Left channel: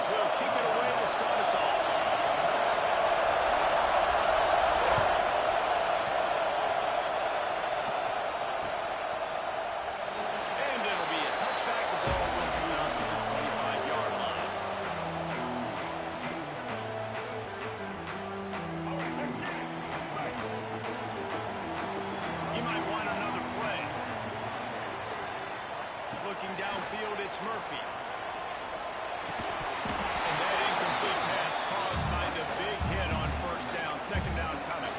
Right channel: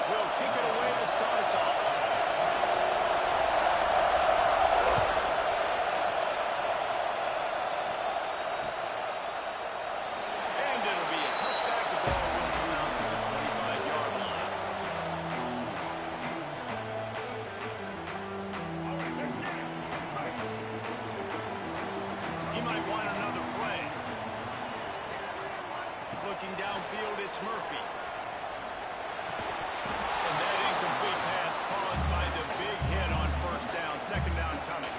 Tigers will kick it away to start us off. And it'll be a touchback. The ball will come out to the 25-yard line. He might want another play. Looking downfield, it's Murphy. And that incomplete pass caused by the big hit on first down. Second down coming.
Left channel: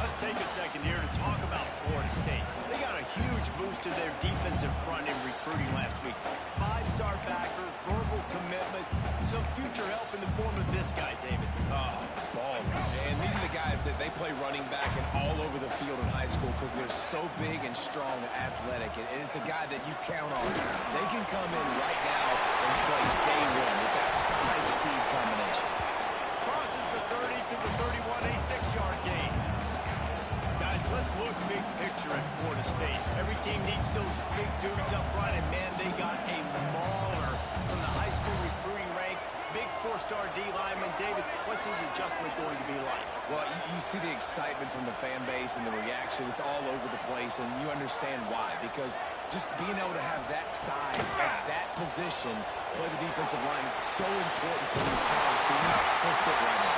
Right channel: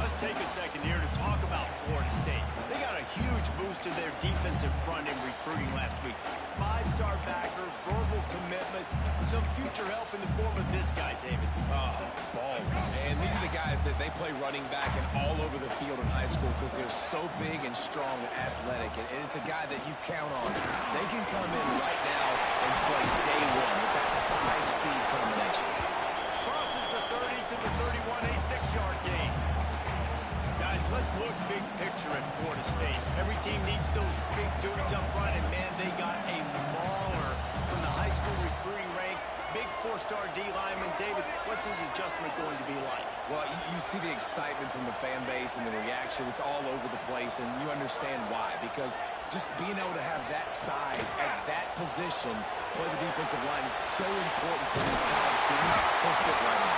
Let's take a second here to talk about Florida State. They got a huge boost to their defensive front in recruiting last week. 5-star backer, verbal commitment, some future help in the form of this guy, David. Oh, ball. And these are the guys that they play running back and all over the field in high school because they're so big and strong and athletic. And it's a guy that you count on. They can come in right now and play day one with that size-speed combination. Crosses the 30 to the 31, a 6-yard gain. Guys, let's look big picture at Florida State. Every team needs those big dudes up front, and man, they got a mauler from the high school recruiting ranks. Big 4-star D lineman. David, what's his adjustment going to be like? Well, you see the excitement from the fan base and the reaction. It's all over the place, and you understand why. Because just being able to have that size at that position, play the defensive line, is so important for these college teams. They'll fit right in.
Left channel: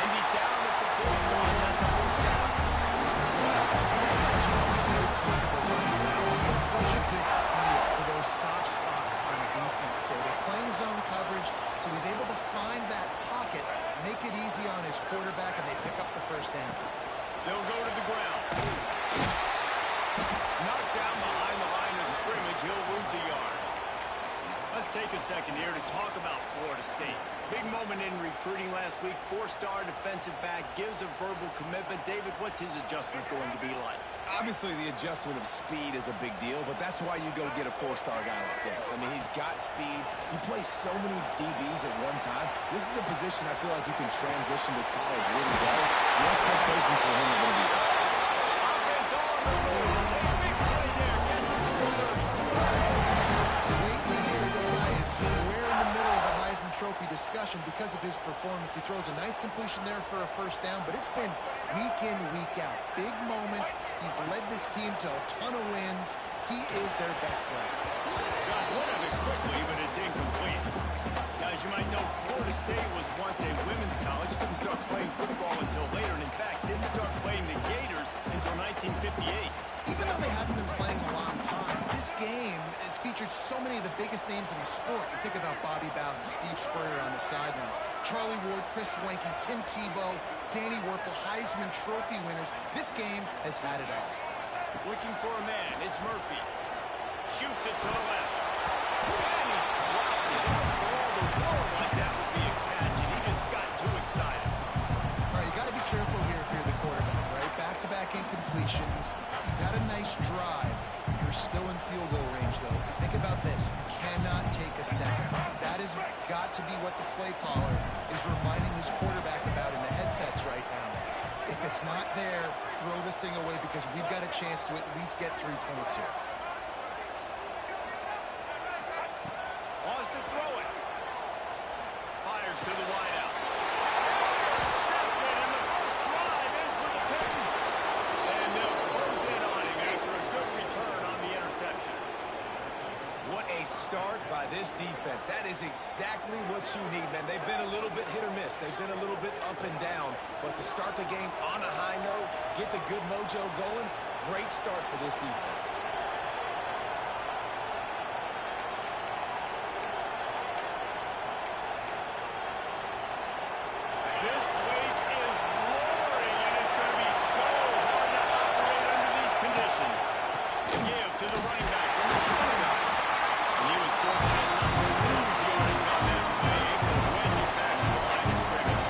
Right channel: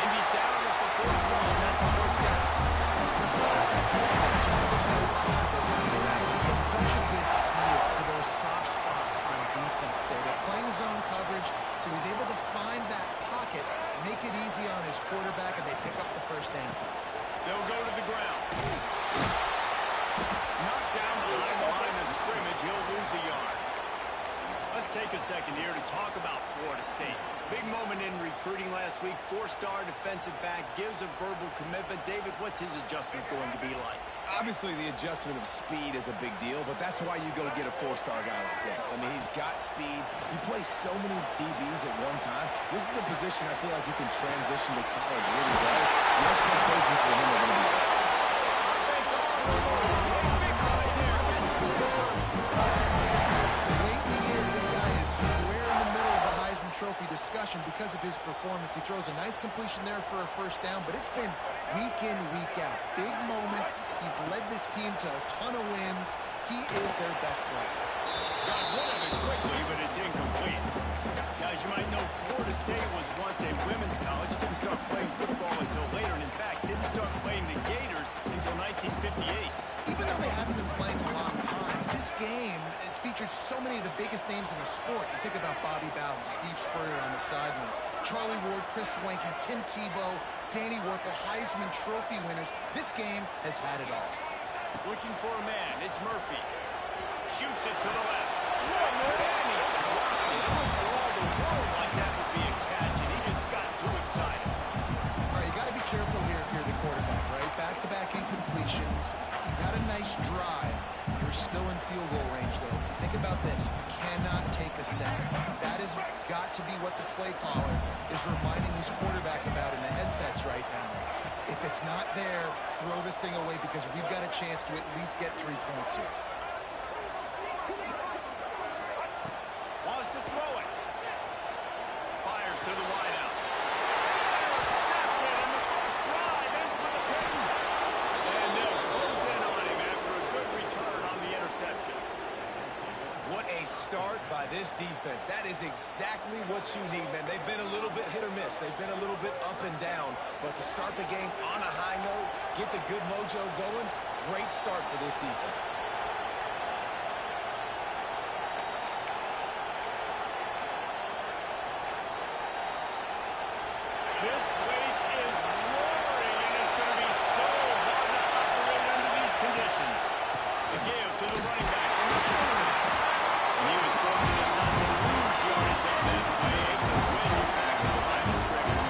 And he's down at the 41. That's a first down. This guy just is so comfortable running routes. He has such a good feel for those soft spots on defense there. They're playing zone coverage, so he's able to find that pocket, make it easy on his quarterback, and they pick up the first down. They'll go to the ground. Knocked down behind the line of scrimmage. He'll lose a yard. Let's take a second here to talk about Florida State. Big moment in recruiting last week. 4-star defensive back gives a verbal commitment. David, what's his adjustment going to be like? Obviously, the adjustment of speed is a big deal, but that's why you go get a 4-star guy like this. I mean, he's got speed. He plays so many DBs at one time. This is a position I feel like you can transition to college really well. The expectations for him are going to be high. Offense on the move. A big play there. Gets it to the 30. Late in the year, this guy is square in the middle of the Heisman Trophy discussion because of his performance. He throws a nice completion there for a first down, but it's been week in, week out. Big moments. He's led this team to a ton of wins. He is their best player. Got one of it quickly, but it's incomplete. Guys, you might know Florida State was once a women's college. Didn't start playing football until later, and in fact, didn't start playing the Gators until 1958. Even though they haven't been playing a long time, this game has featured so many of the biggest names in the sport. You think about Bobby Bowden, Steve Spurrier on the sidelines, Charlie Ward, Chris Swanky, Tim Tebow, Danny Werkel, Heisman Trophy winners. This game has had it all. Looking for a man. It's Murphy. Shoots it to the left. And he dropped it. It looked for all the world like that would be a catch, and he just got too excited. All right, you got to be careful here if you're the quarterback, right? Back-to-back incompletions. You've had a nice drive. You're still in field goal range, though. Think about this. You cannot take a sack. That has got to be what the play caller is reminding his quarterback about in the headsets right now. If it's not there, throw this thing away because we've got a chance to at least get 3 points here. Wants to throw it. Fires to the wideout. Intercepted, and the first drive ends with a pick. And they'll close in on him after a good return on the interception. What a start by this defense. That is exactly what you need, man. They've been a little bit hit or miss. They've been a little bit up and down. But to start the game on a high note, get the good mojo going, great start for this defense. This place is roaring, and it's going to be so hard to operate under these conditions. The give to the running back from the shotgun. And he was fortunate not to lose yardage on that play, able to wedge it back to the line of scrimmage.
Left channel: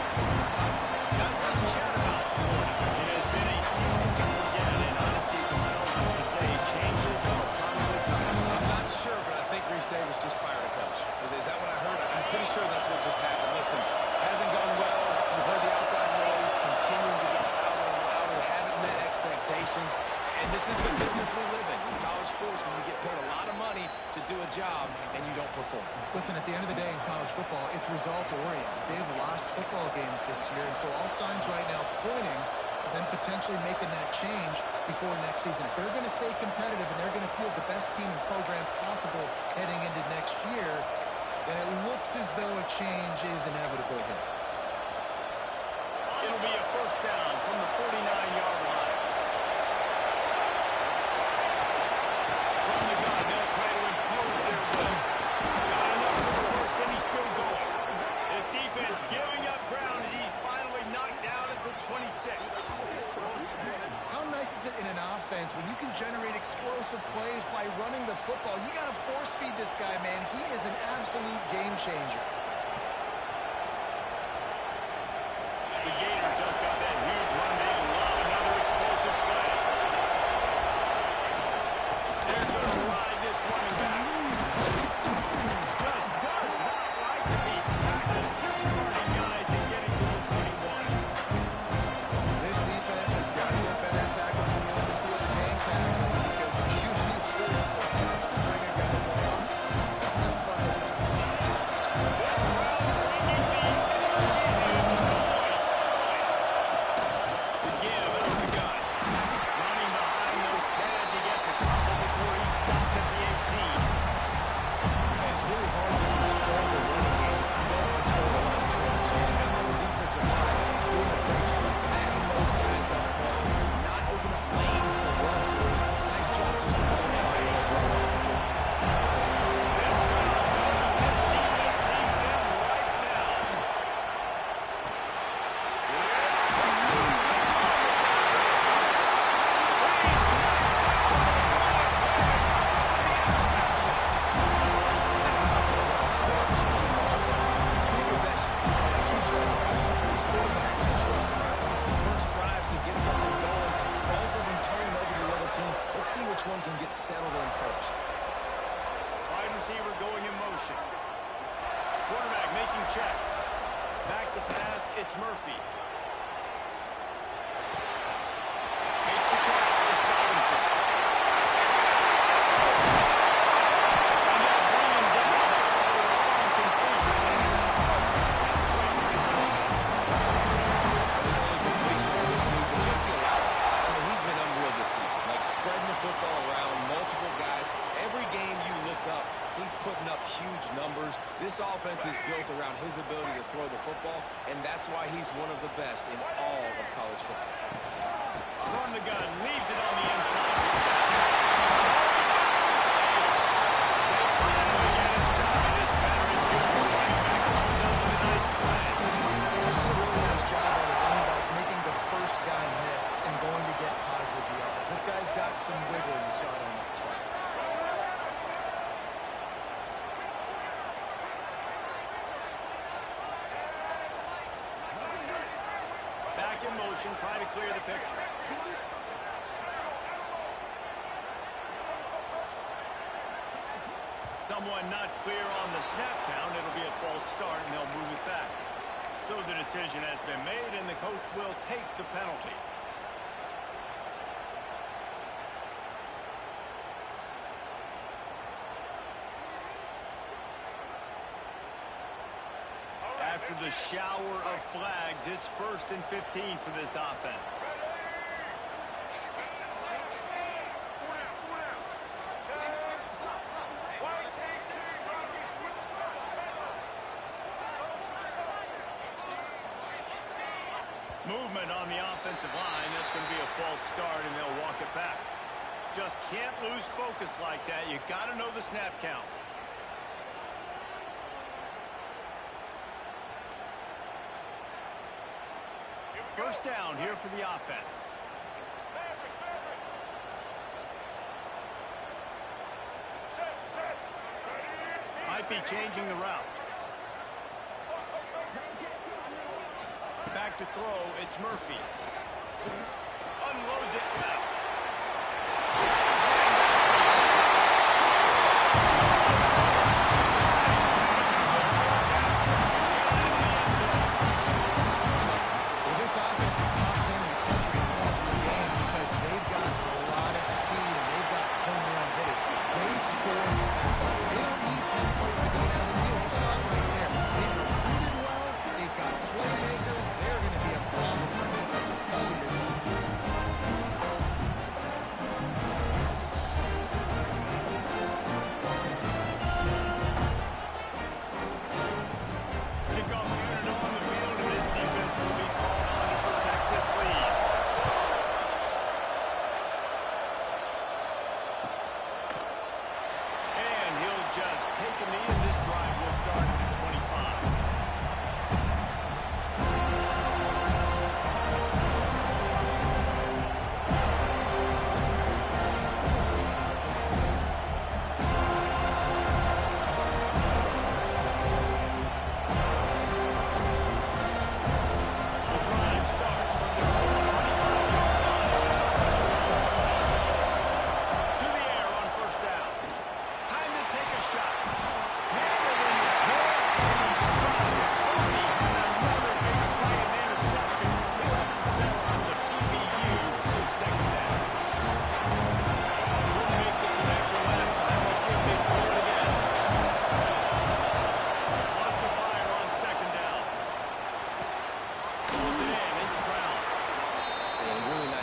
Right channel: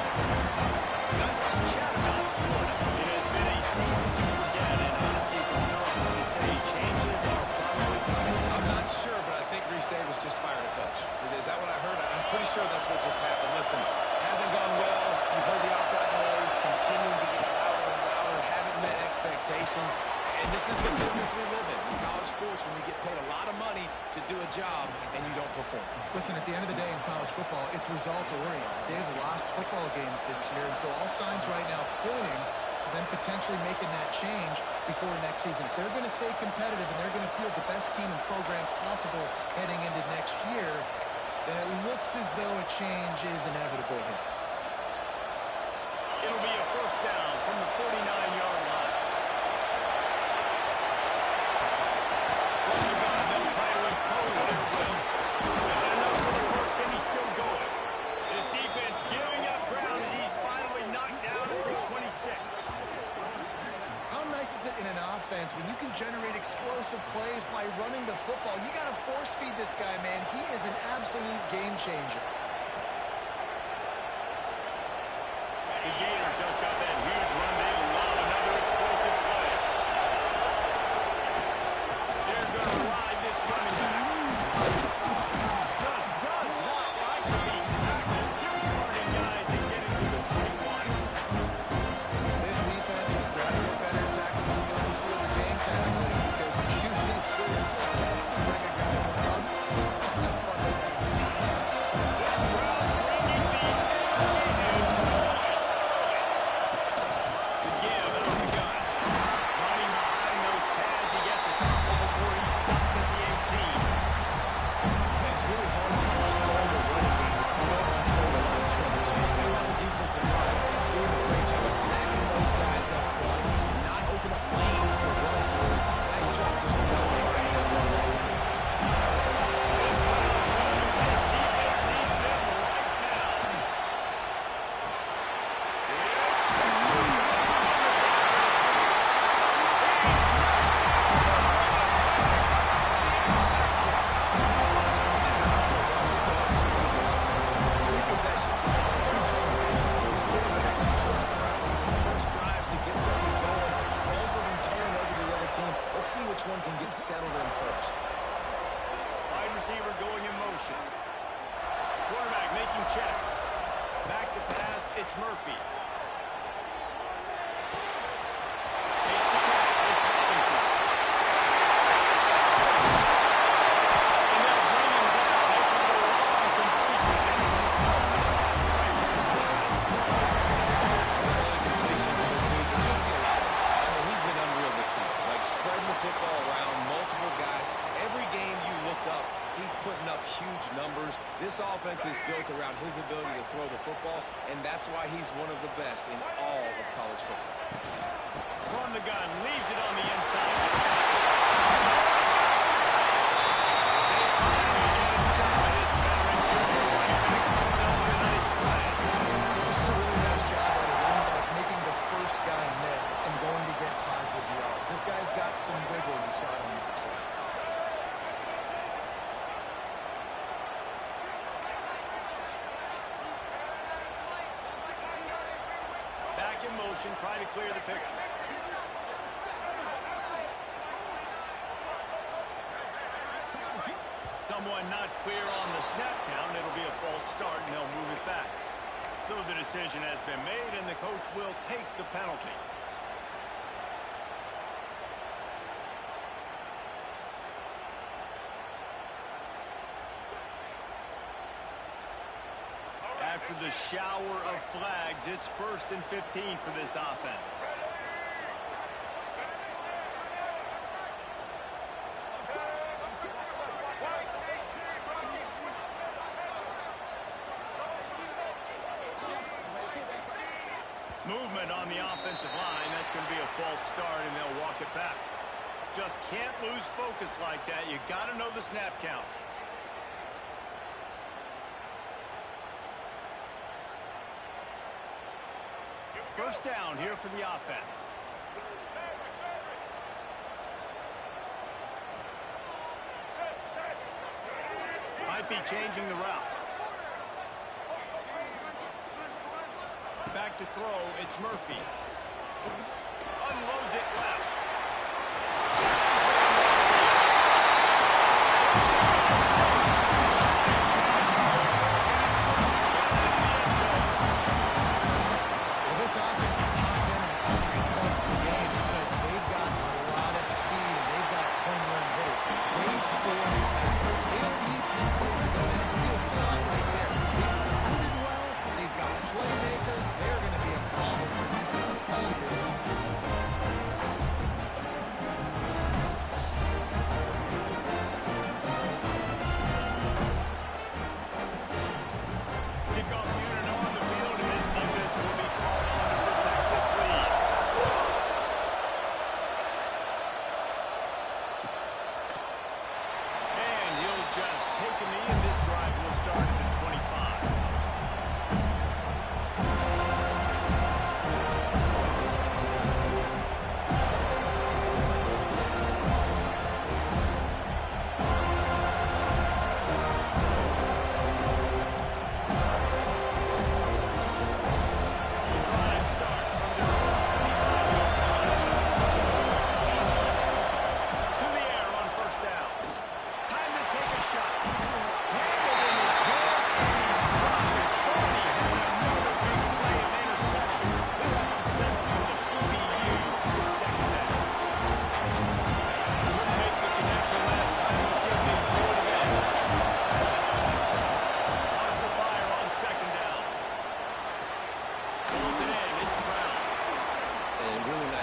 Guys, let's chat about Florida. It has been a season to forget, and honesty compels us to say changes are probably coming. I'm not sure, but I think Reese Davis just fired a coach. Is that what I heard? I'm pretty sure that's what just happened. Listen, hasn't gone well. You've heard the outside noise, continuing to get louder and louder, haven't met expectations. And this is the business we live in college sports, when you get paid a lot of money to do a job and you don't perform. Listen, at the end of the day in college football, it's results-oriented. They've lost football games this year, and so all signs right now pointing to them potentially making that change before next season. If they're going to stay competitive and they're going to field the best team and program possible heading into next year, then it looks as though a change is inevitable here. It'll be a first down from the 49-yard line. From the gun, they'll try to impose their will. Got enough for the first, and he's still going. This defense giving up ground as he's finally knocked down at the 26. How nice is it in an offense when you can generate explosive plays by running the football? You got to force feed this guy, man. He is an absolute game changer. The Gators just got that huge run. They love another explosive play. They're going to ride this running back. Just does not like to be tackled. Discarding guys and getting to the 21. This defense has got to get better at tackling in the open field of game tackling, because if you need 3 or 4 guys to bring a guy down, have fun with that. This crowd bringing the energy and noise early. The give out of the gun. Running behind those pads, he gets a couple before he's stopped at the 18. And it's really hard to control the running game if you don't control the line of scrimmage. And how about the defensive line doing a great job attacking those guys up front, not open up lanes to run through. Nice job just nullifying their run off the field. This crowd knows this defense needs them right now. It's he's knocked down, but what a way to come up with the interception. And how about the well starts from these offense? 2 possessions, 2 turnovers. These quarterbacks, you trust them early. First drives to get something going. Both of them turning over to the other team. Let's see which one can get settled in first. Wide receiver going in motion. Quarterback making checks. Back to pass, it's Murphy. Makes the catch, it's Robinson. And they'll bring him down after the long completion. And explosive pass away from his offense. Early completion for this dude, but just see a lot of it. I mean, he's been unreal this season. Like, spreading the football around, multiple guys. Every game you look up, he's putting up huge numbers. This offense is built around his ability to throw the football, and that's why he's one of the best in all of college football. From the gun, leaves it on the inside. Oh, he's got some space. They finally get it stopped. This veteran junior running back comes up with a nice play. This is a really nice job by the running back, making the first guy miss and going to get positive yards. This guy's got some wiggle. You saw it on that play. Back in motion, trying to clear the picture. Someone not clear on the snap count. It'll be a false start, and they'll move it back. So the decision has been made, and the coach will take the penalty. After the shower of flags, it's 1st and 15 for this offense. Movement on the offensive line. That's going to be a false start, and they'll walk it back. Just can't lose focus like that. You got to know the snap count. First down here for the offense. Might be changing the route. Back to throw, it's Murphy. Unloads it left. Well, this offense is top 10 in the country in points per game because they've got a lot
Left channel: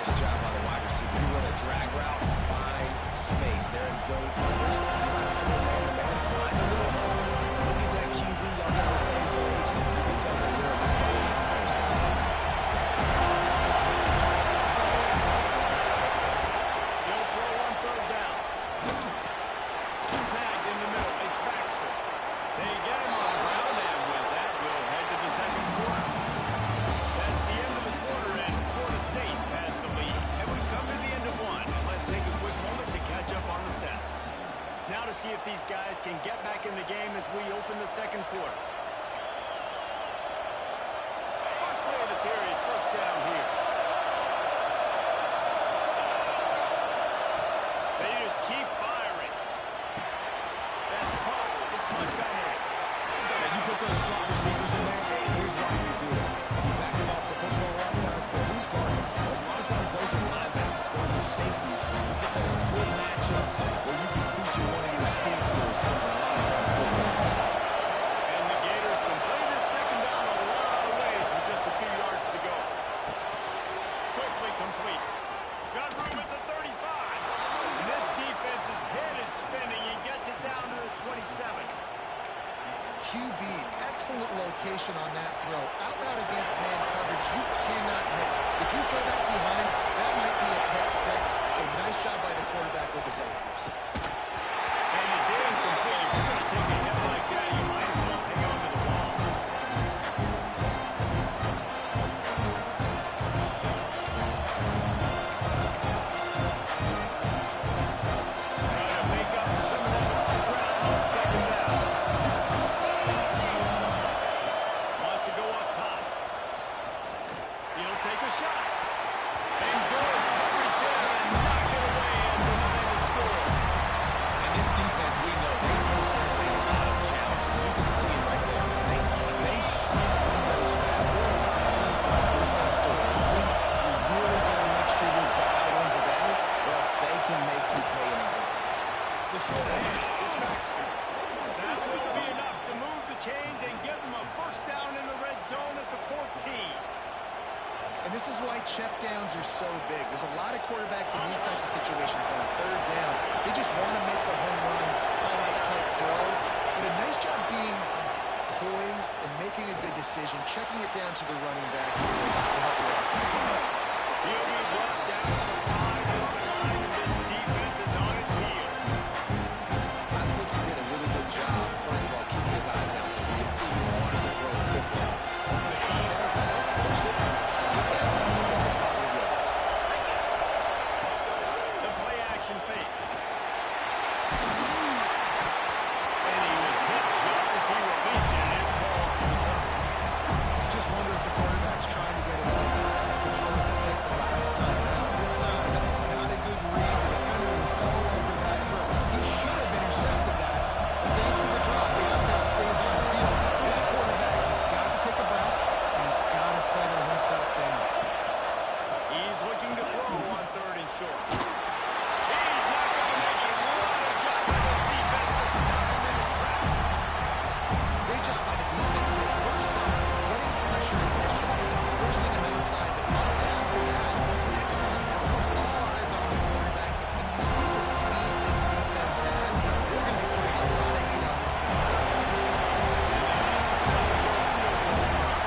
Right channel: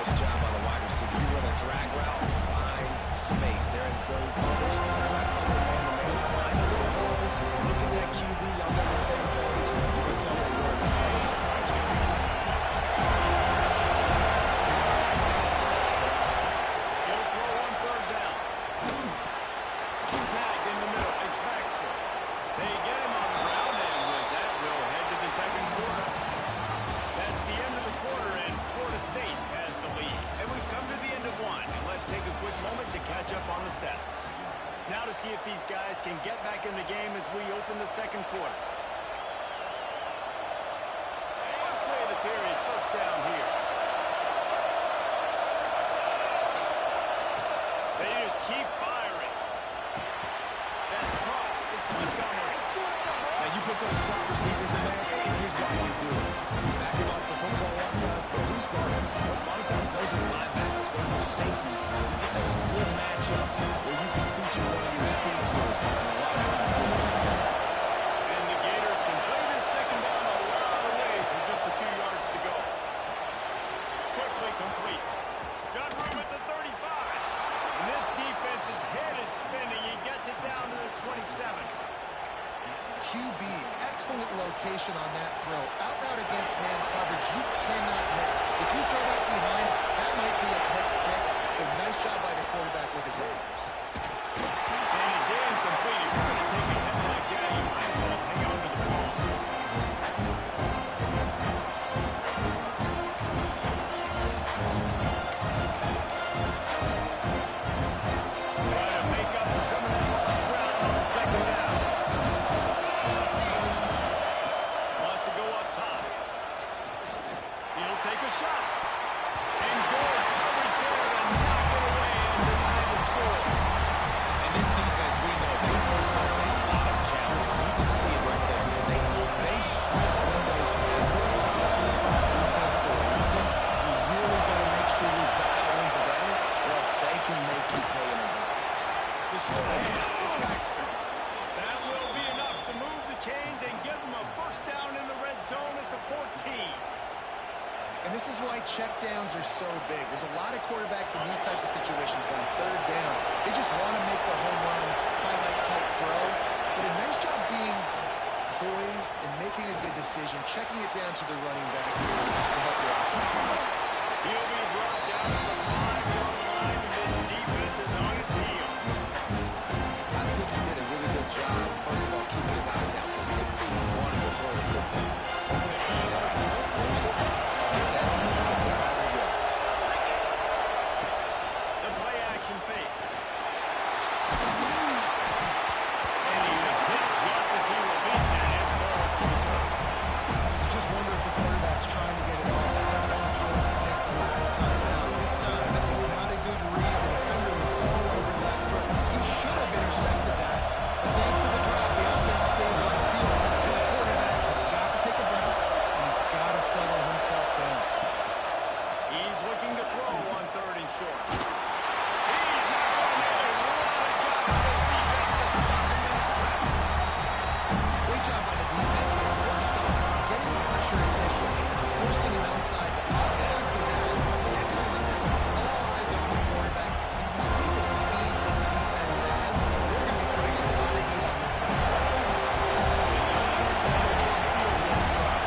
Nice job by the wide receiver. You run a drag route, find space. They're in zone coverage. You're not covering man-to-man. Find a little hole. Look at that QB. Y'all get on the same page. You can tell they were. That's why they got the first down. He'll throw on third down. Snagged in the middle. It's Baxter. They get him on the ground, and with that, we'll head to the second quarter. That's the end of the quarter, and Florida State has the lead. And we've come to the end of one, and let's take a quick moment to catch up on the stats. Now to see if these guys can get back in the game as we open the second quarter. First play of the period, first down here. They just keep firing. That's caught. It's Montgomery. Now, you put those slot receivers in there, and here's why you do it. You back him off the football a lot of times, but who's guarding? A lot of times, those are linebackers. Those are safeties. You get those good matchups where you can feature one of your speedsters, and a lot of times, good things happen. And the Gators can play this second down a lot of ways with just a few yards to go. Quickly complete. Got room at the 35. And this defense's head is spinning. He gets it down to the 27. QB, excellent location on that throw. Out route against man coverage, you cannot miss. If you throw that behind, that might be a pick six. So nice job by the quarterback with his accuracy. And it's incomplete. If you're going to take a hit like that, you might as well hang on to the ball. Try to make up for some of that lost ground on second down. Wants to go up top. He'll take a shot. And good coverage there to knock it away and deny the score. And this defense, we know, they present a lot of challenges. You can see it right there. They shrink windows fast. They're a top 25 defense for a reason. You really better make sure you're dialed in today, or else they can make you pay in a hurry. The short hands, it's Baxter. That will be enough to move the chains and give them a first down in the red zone at the 14. And this is why checkdowns are so big. There's a lot of quarterbacks in these types of situations on third down. They just want to make the home run, highlight-type throw. But a nice job being poised and making a good decision, checking it down to the running back here to help your offense out. He'll be brought down to the 5-yard line, and this defense is on its heels. I think he did a really good job, first of all, keeping his eye down. You can see he wanted to throw the football. But when it's not there, don't force it. Take it down and get some positive yards. The play action fake. And he was hit just as he released it, and it falls to the top. You just wonder if the quarterback's trying to get it all back after throwing the pick the last time out. This time, that was not a good read. The defender was all over that throw. He should have intercepted that. But thanks to the drop, the offense stays on the field. This quarterback has got to take a breath, and he's got to settle himself down. He's looking to throw on third and short. He's not going to make it. What a job by this defense to stop him in his tracks. Great job by the defense there. First off, getting pressure initially and forcing him outside the pocket. After that, excellent effort. All eyes on the quarterback. And you see the speed this defense has. They're going to be putting a lot of heat on this guy. And they'll have to settle for a field goal try.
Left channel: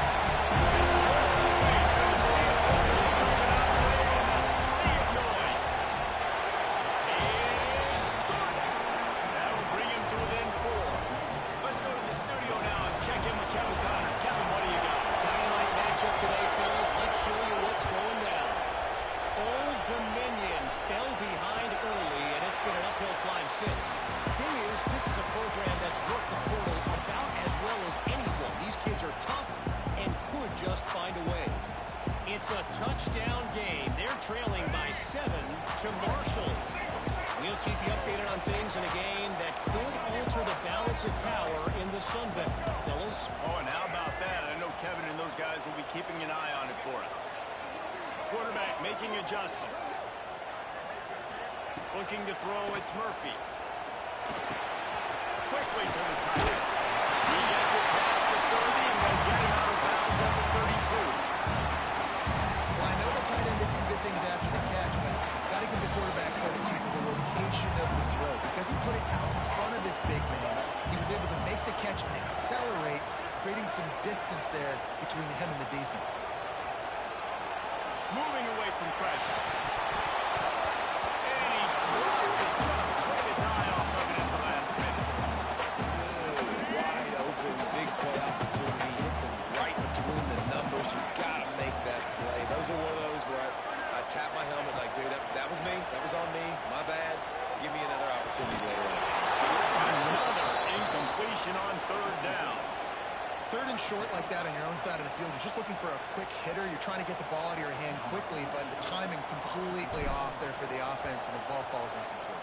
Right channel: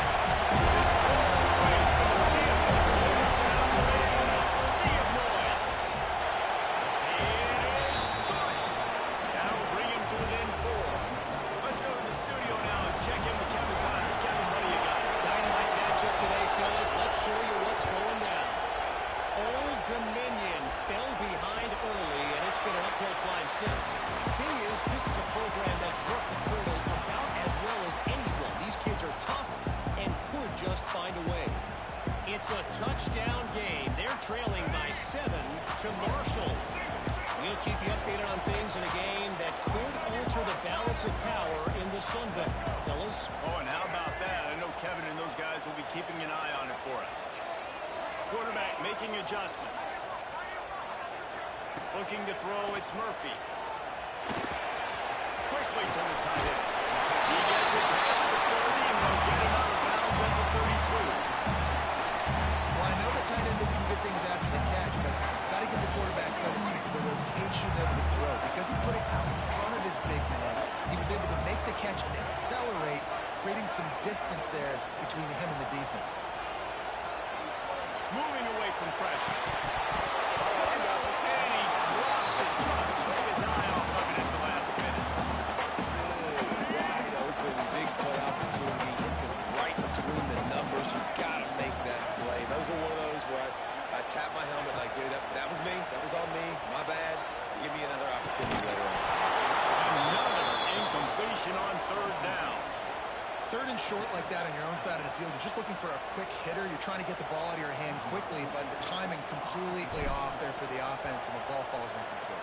This whole play is going to see if this kicker can operate in a sea of noise. It is good. That'll bring him to within 4. Let's go to the studio now and check in with Kevin Connors. Kevin, what do you got? Dynamite matchup today, fellas. Let's show you what's going down. Old Dominion fell behind early, and it's been an uphill climb since. Thing is, this is a program that's worked the portal about as well as anyone. These kids are tough and could just find a way. It's a touchdown game. They're trailing by 7 to Marshall. We'll keep you updated on things in a game that could alter the balance of power in the Sun Belt. Fellas? Oh, and how about that? I know Kevin and those guys will be keeping an eye on it for us. Quarterback making adjustments. Looking to throw, it's Murphy. Quickly to the tight end. He gets it past the 30, and they'll get him out of bounds at the 32. Well, I know the tight end did some good did things after the catch, but got to give the quarterback credit too for the location of the throw. Because he put it out in front of his big man, he was able to make the catch and accelerate, creating some distance there between him and the defense. Moving away from pressure. And he drops it. Just took his eye off of it at the last minute. Good, wide open, big play opportunity. Hits him right between the numbers. You got to make that play. Those are one of those where I tap my helmet like, dude, that was me. That was on me. My bad. Give me another opportunity later on. Another incompletion on third down. Third and short like that on your own side of the field, you're just looking for a quick hitter. You're trying to get the ball out of your hand quickly, but the timing completely off there for the offense, and the ball falls incomplete.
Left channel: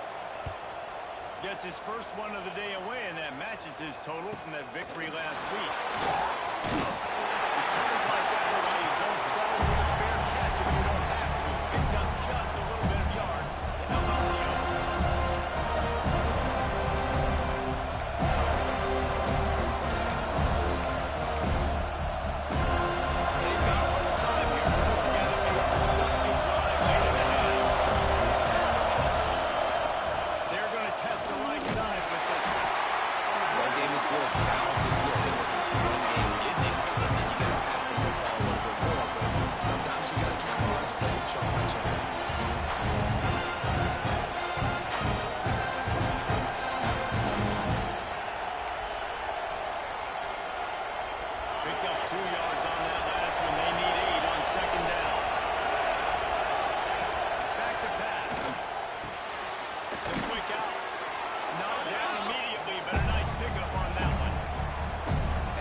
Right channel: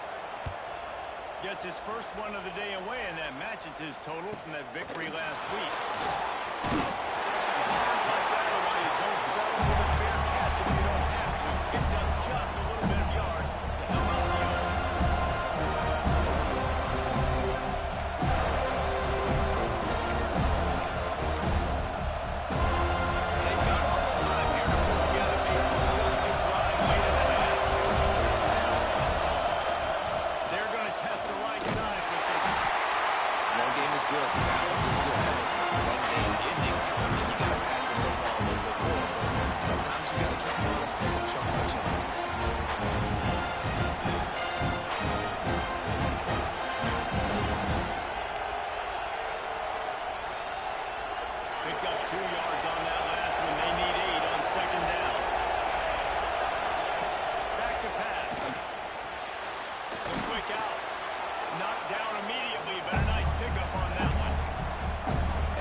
Gets his first one of the day away, and that matches his total from that victory last week. Returns like that are why you don't settle for the fair catch if you don't have to. It's up just a little bit of yards to help out the other. They've got a little time here to put together a productive drive late in the half. They're going to test the right side with this one. Run game is good. The balance is good. Now listen, if the run game isn't good, then you got to pass the football a little bit more. But sometimes you got to keep it honest, take it chunk by chunk. Picked up 2 yards on that last one. They need 8 on second down. Back to pass. The quick out. Knocked down immediately, but a nice pickup on that one.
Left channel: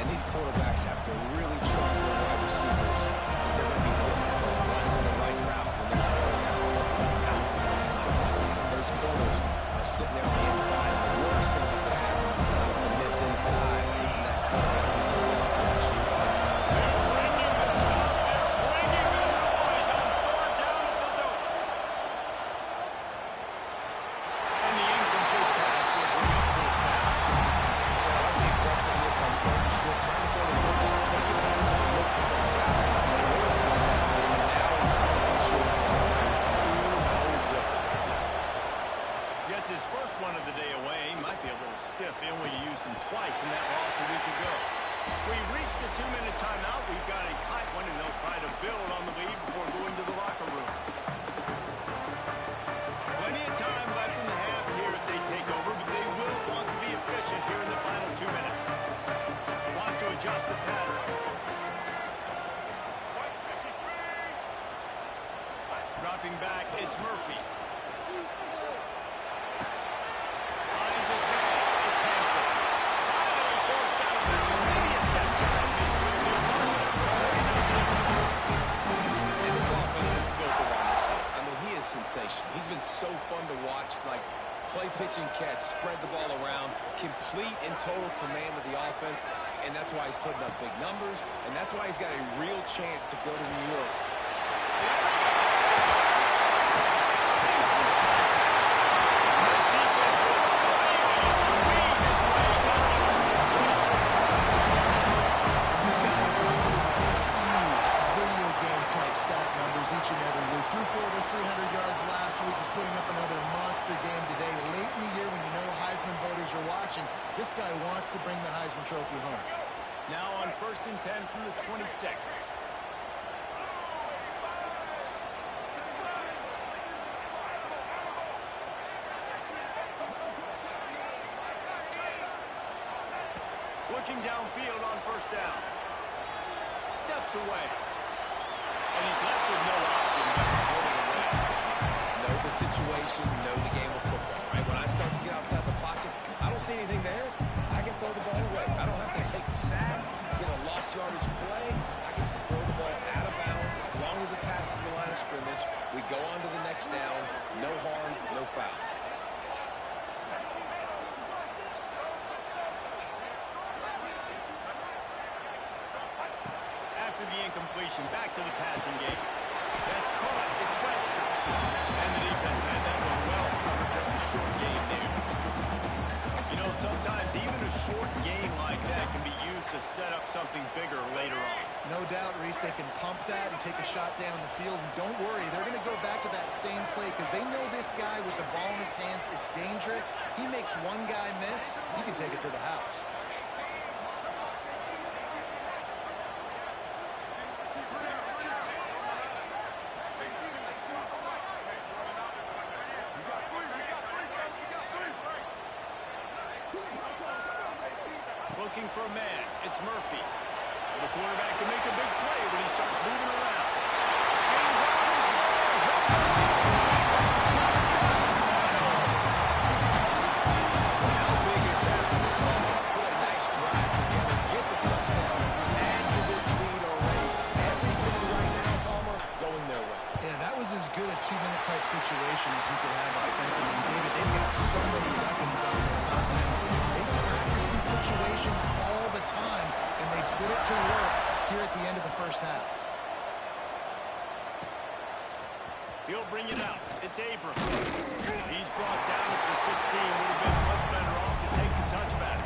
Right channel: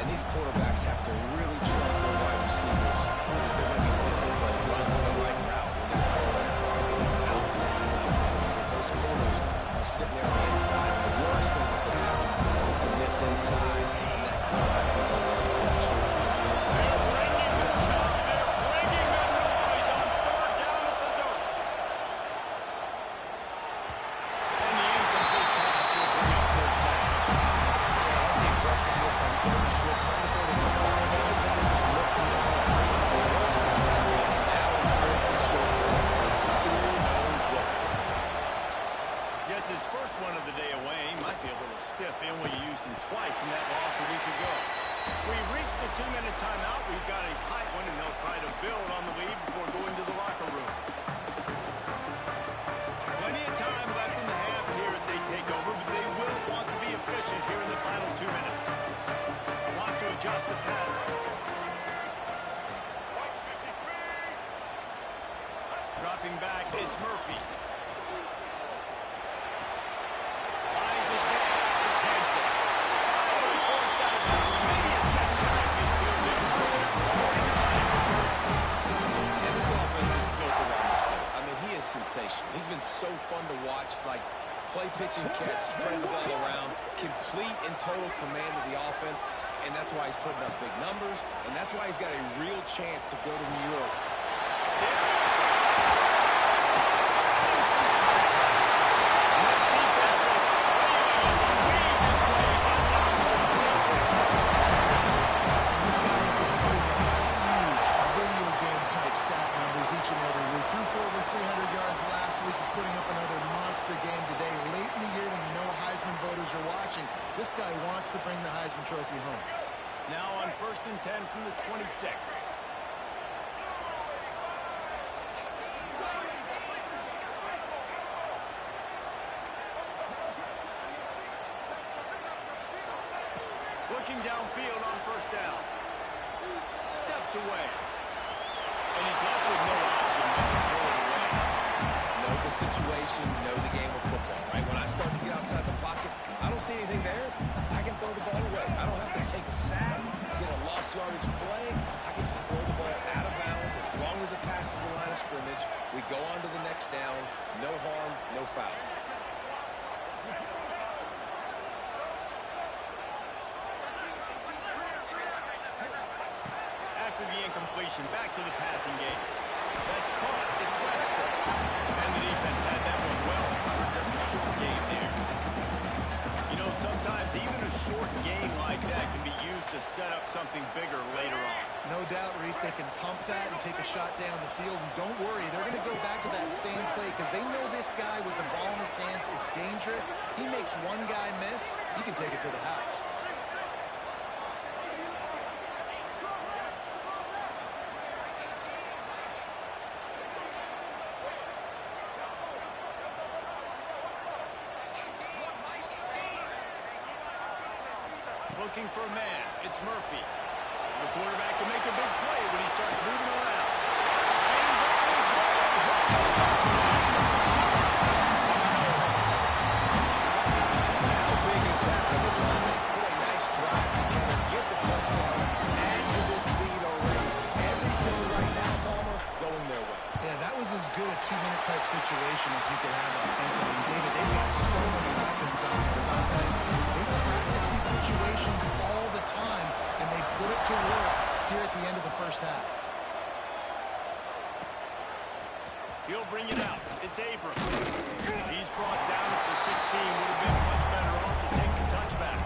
And these quarterbacks have to really trust their wide receivers that they're going to be disciplined, runs in the right route when they're throwing that ball to the outside like that, because those corners are sitting there on the inside, and the worst thing that could happen is to miss inside, and that quarterback can go the other direction. They're bringing the chop. They're bringing the noise on third down at the dope. And the incomplete pass will bring up fourth down. Yeah, I like the aggressiveness on third and short, trying to throw the football, take advantage of the look that they got. They weren't successful, and now it's fourth and short territory. Who knows what they're going to do? Gets his first one of the day away. Might be a little stiff in where you used him twice in that loss a week ago. We've reached the 2-minute timeout. We've got a tight one, and they'll try to build on the lead before going to the locker room. Plenty of time left in the half here as they take over, but they will want to be efficient here in the final 2 minutes. Wants to adjust the pattern. Dropping back, it's Murphy. Finds his man. It's Hampton. Finally forced out of bounds. Maybe a step shy of midfield. They'll mark it up for 49. And this offense is built around this team. I mean, he is sensational. He's been so fun to watch, like play, pitch, and catch, spread the ball around, complete and total command of the offense, and that's why he's putting up big numbers, and that's why he's got a real chance to go to New York. There we go. And this defense was flailing as he weaved his way. Got down to the 26. And this guy has been putting up huge video game type stat numbers each and every week. Threw for over 300 yards last week. He's putting up another monster game today. Late in the year when you know Heisman voters are watching, this guy wants to bring the Heisman Trophy home. Now on 1st and 10 from the 26. Looking downfield on first down. Steps away. And he's left with no option but to throw it away. Know the situation, know the game of football, right? When I start to get outside the pocket, I don't see anything there. I can throw the ball away. I don't have to take a sack, get a lost yardage play. I can just throw the ball out of bounds as long as it passes the line of scrimmage. We go on to the next down. No harm, no foul. After the incompletion, back to the passing game. That's caught. It's Webster. And the defense had that one well covered. Just a short game there. You know, sometimes even a short game like that can be used to set up something bigger later on. No doubt, Reese, they can pump that and take a shot down the field. And don't worry, they're going to go back to that same play because they know this guy with the ball in his hands is dangerous. He makes one guy miss, he can take it to the house. Looking for a man. It's Murphy. The quarterback can make a big play when he starts moving around. And he's on his way. Touchdown, Seminole. How big is that for this offense? Put a nice drive together, get the touchdown, add to this lead already. Everything right now, Palmer, going their way. Yeah, that was as good a two-minute type situation as you could have offensively. And David, they've got so many weapons on this offense. They practice these situations all the time, and they put it to work here at the end of the first half. He'll bring it out. It's Abram. He's brought down at the 16. Would have been much better off to take the touchback.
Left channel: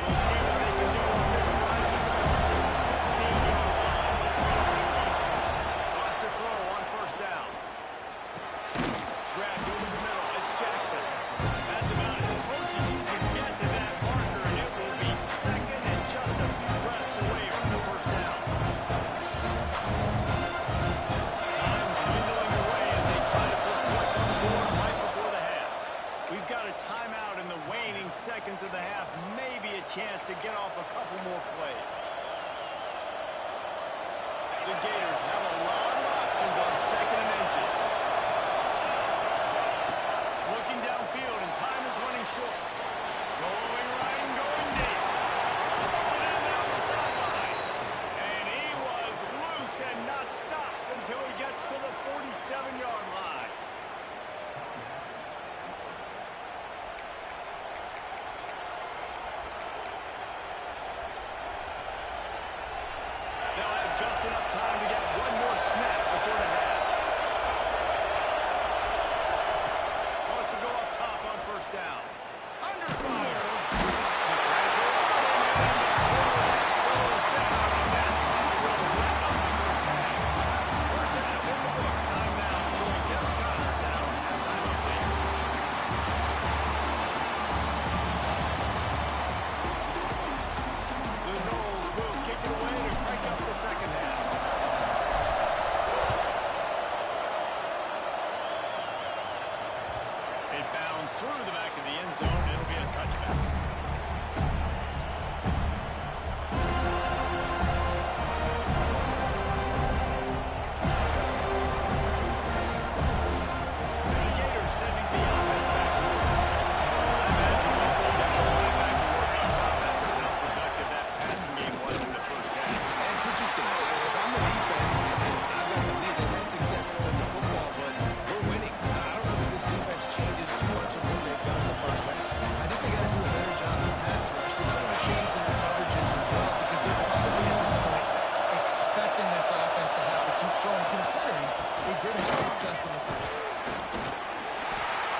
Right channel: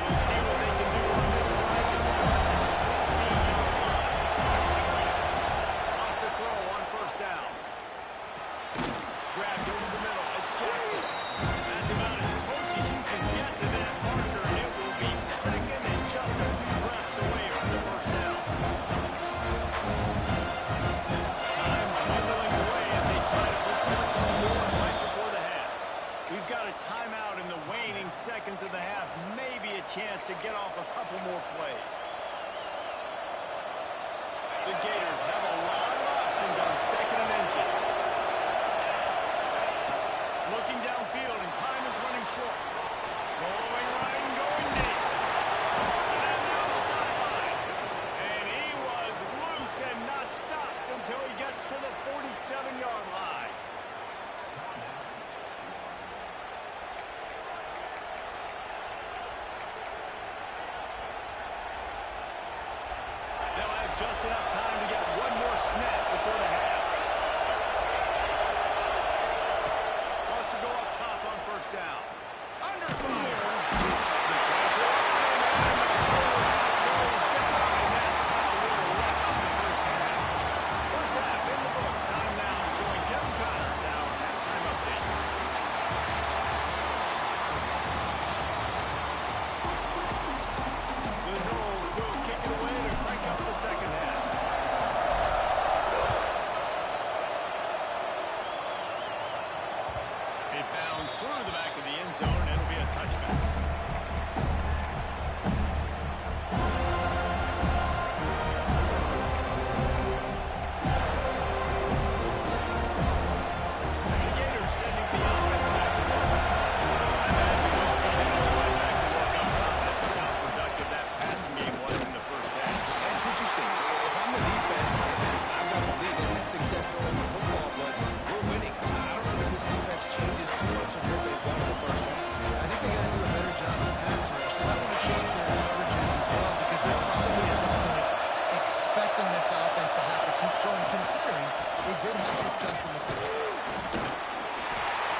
We'll see what they can do on this drive that starts at the 16-yard line. Lost a throw on first down. Grabbed over the middle. It's Jackson. That's about as close as you can get to that marker, and it will be second and just a few breaths away from the first down. Time dwindling away as they try to put points on the board right before the half. We've got a timeout in the waning seconds of the half. Maybe a chance to get off a couple more plays. The Gators have a lot of options on second and inches. Looking downfield, and time is running short. Going right and going deep. Pulls it in down the sideline. And he was loose and not stopped until he gets to the 47-yard line. They'll have just enough time to get one more snap before the half. Wants to go up top on first down. Under fire. The pressure on him, and the quarterback goes down, and that's how we'll wrap up the first half. First half in the books. Time now to join Kevin Connors in our halftime update. The Noles will kick it away to crank up the second half. It bounds through the back of the end zone, and it'll be a touchback. The Gators sending the offense back to work. I imagine we'll see them go right back to work on top after how productive that passing game was in the first half. And it's interesting. If I'm the defense and I've got the lead, they've had success throwing the football, but we're winning. I don't know that this defense changes too much of what they've done in the first half. I think they got to do a better job of the pass rush. They might want to change their coverages as well because they're probably at this point expecting this offense to have to keep throwing, considering they did have success in the first half.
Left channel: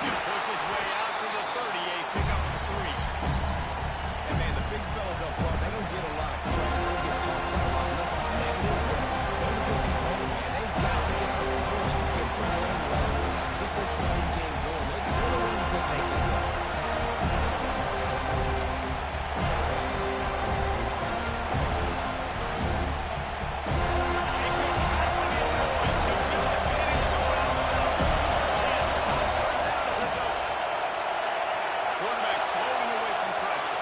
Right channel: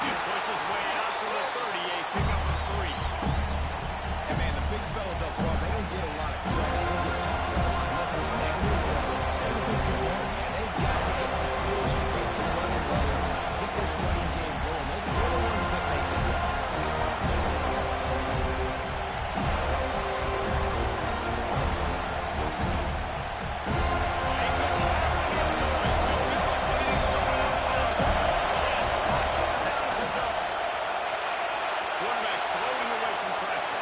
He'll push his way out to the 38, pick up a 3. And, man, the big fellas up front, they don't get a lot of credit. They don't get talked about a lot unless it's negative, but they're the big component, man. They've got to get some push, to get some running runs, get this running game going. They're the ones that make it go. Quarterback floating away from pressure.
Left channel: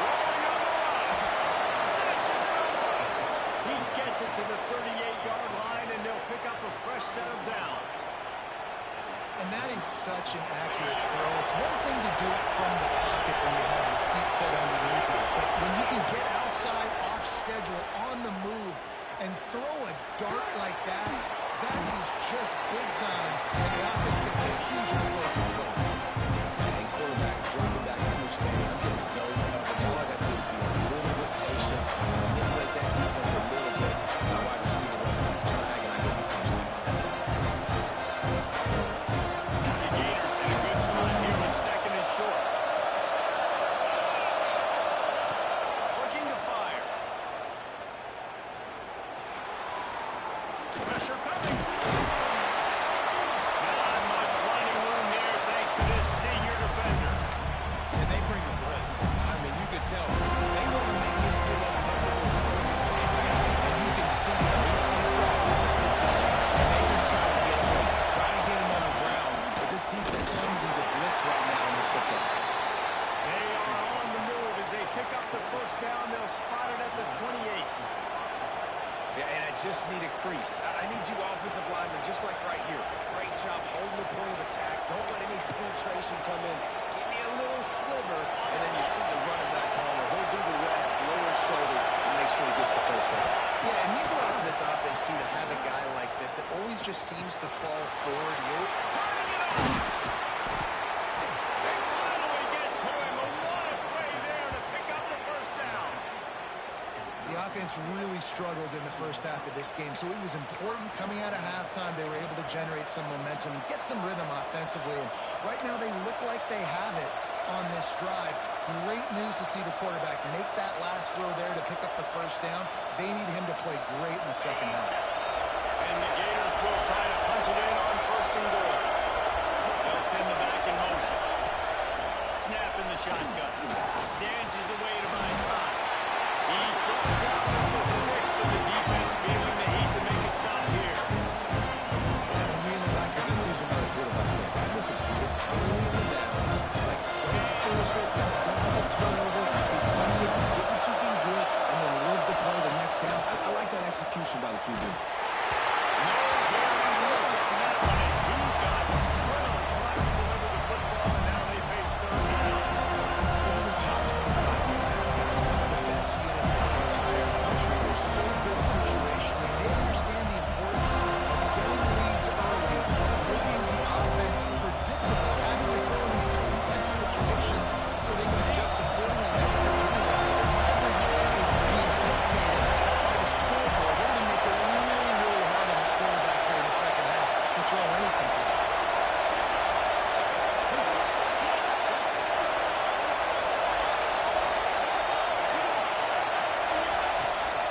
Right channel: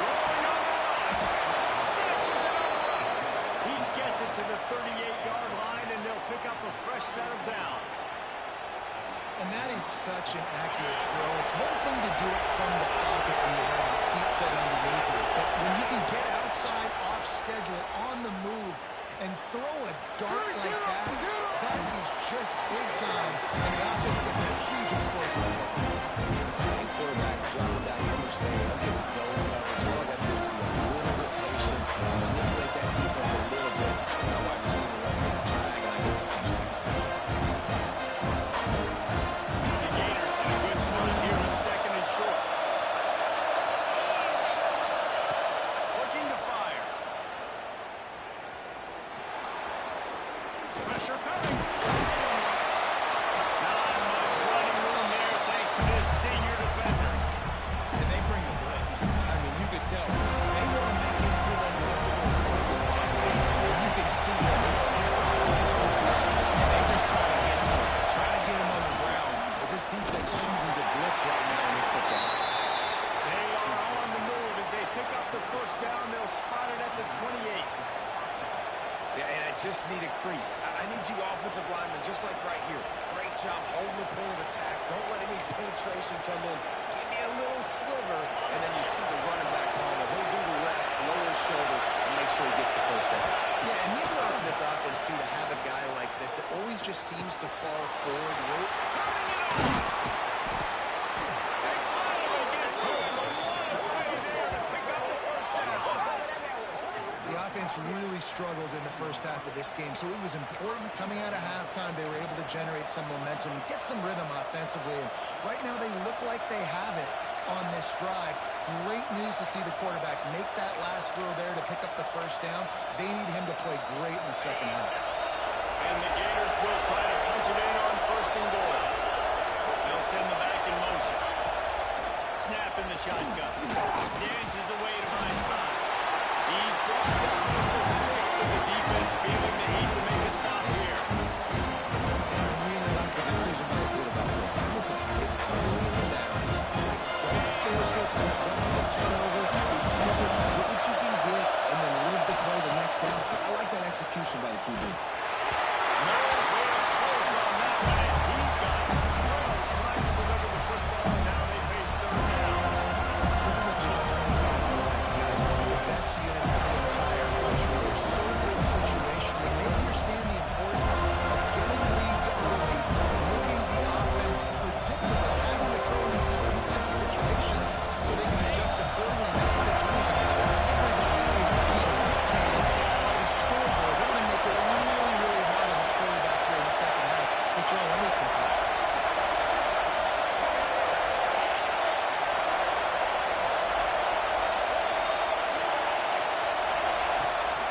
Rolling on the run. Snatches it on the run. He gets it to the 38-yard line, and they'll pick up a fresh set of downs. And that is such an accurate throw. It's one thing to do it from the pocket when you have your feet set underneath you, but when you can get outside, off schedule, on the move, and throw a dart like that, that is just big time, and the offense gets a huge explosive goal. And quarterback dropping back, understanding I'm getting zone coverage. All I got to do is be a little pressure coming. Not much running room there thanks to this senior defender. And they bring the blitz. I mean, you could tell. They want to make him feel uncomfortable as quick as possible. And you can see him. He takes off with the football. And they just try to get to him. Try to get him on the ground. But this defense is choosing to blitz right now in this football. They are on the move as they pick up the first down. They'll spot it at the 28. Yeah, and I just need a crease. I need you offensive linemen, just like right here. Great job holding the point of attack. Don't let any penetration come in. Give me a little sliver, and then you see the running back Palmer. He'll do the rest, lower his shoulder, and make sure he gets the first down. Yeah, it means a lot to this offense, too, to have a guy like this that always just seems to fall forward. Turning it on! They finally get to him. A what a play there to pick up the first down. The offense really struggled in the first half of this game, so it was important coming out of halftime. They were able to generate some momentum, get some rhythm offensively, and right now they look like they have it on this drive. Great news to see the quarterback make that last throw there to pick up the first down. They need him to play great in the second half. And the Gators will try to punch it in on first and goal. They'll send the back in motion. Snap in the shotgun. Dances away to buy time. He's brought down at the 6th, but the defense feeling the heat to make a stop here. And I really like the decision by the quarterback there. And listen, it's early in the downs. Like, don't force it. Don't make a turnover. He takes it, get what you can get, and then live the play the next down. I like that execution by the QB. Nowhere close on that one as he got drilled trying to deliver the football, and now they face third down. This is a top 25 defense, guys. One of the best units in the entire country. They're so good situationally. They understand the importance of getting leads early, making the offense predictable, having to throw in these types of situations so they can adjust accordingly. That's what they're doing right now. Their coverage is being dictated by the scoreboard. They're going to make it really, really hard on this quarterback here in the second half to throw any conclusions.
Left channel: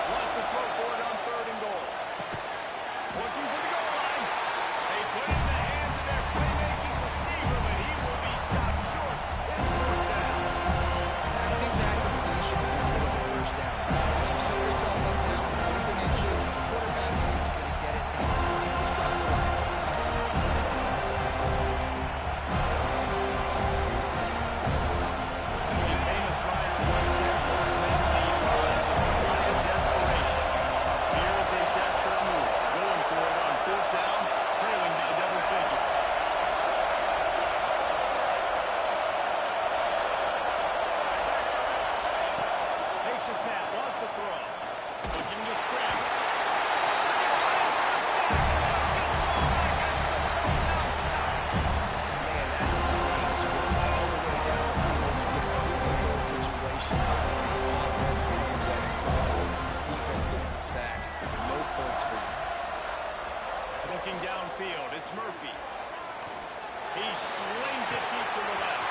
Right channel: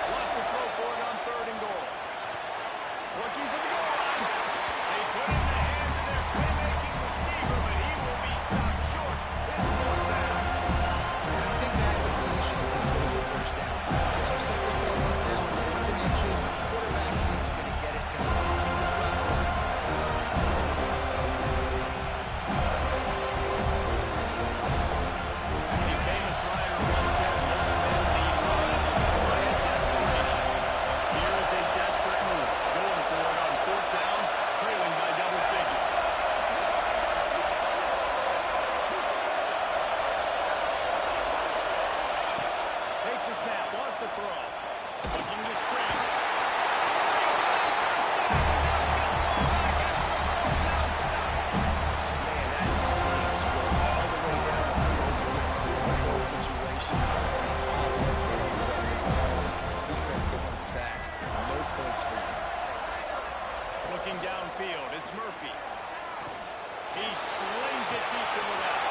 Wants to throw for it on third and goal. Looking for the goal line. They put it in the hands of their playmaking receiver, but he will be stopped short. It's fourth down. And I think that completion is as good as a first down. As you set yourself up now in 4th and inches, quarterback's needs to get it done. Keep this drive alive. The famous writer once said, most men lead lives of quiet desperation. Here is a desperate move. Going for it on fourth down, trailing by double figures. Takes a snap, wants to throw. Looking to scramble. Running for a sack, and now get the ball back after the fourth down stop. Man, that stings. You go all the way down the field. You get a fourth-and-goal situation. The offense comes up small. Defense gets the sack. No points for you. Looking downfield, it's Murphy. He slings it deep to the left.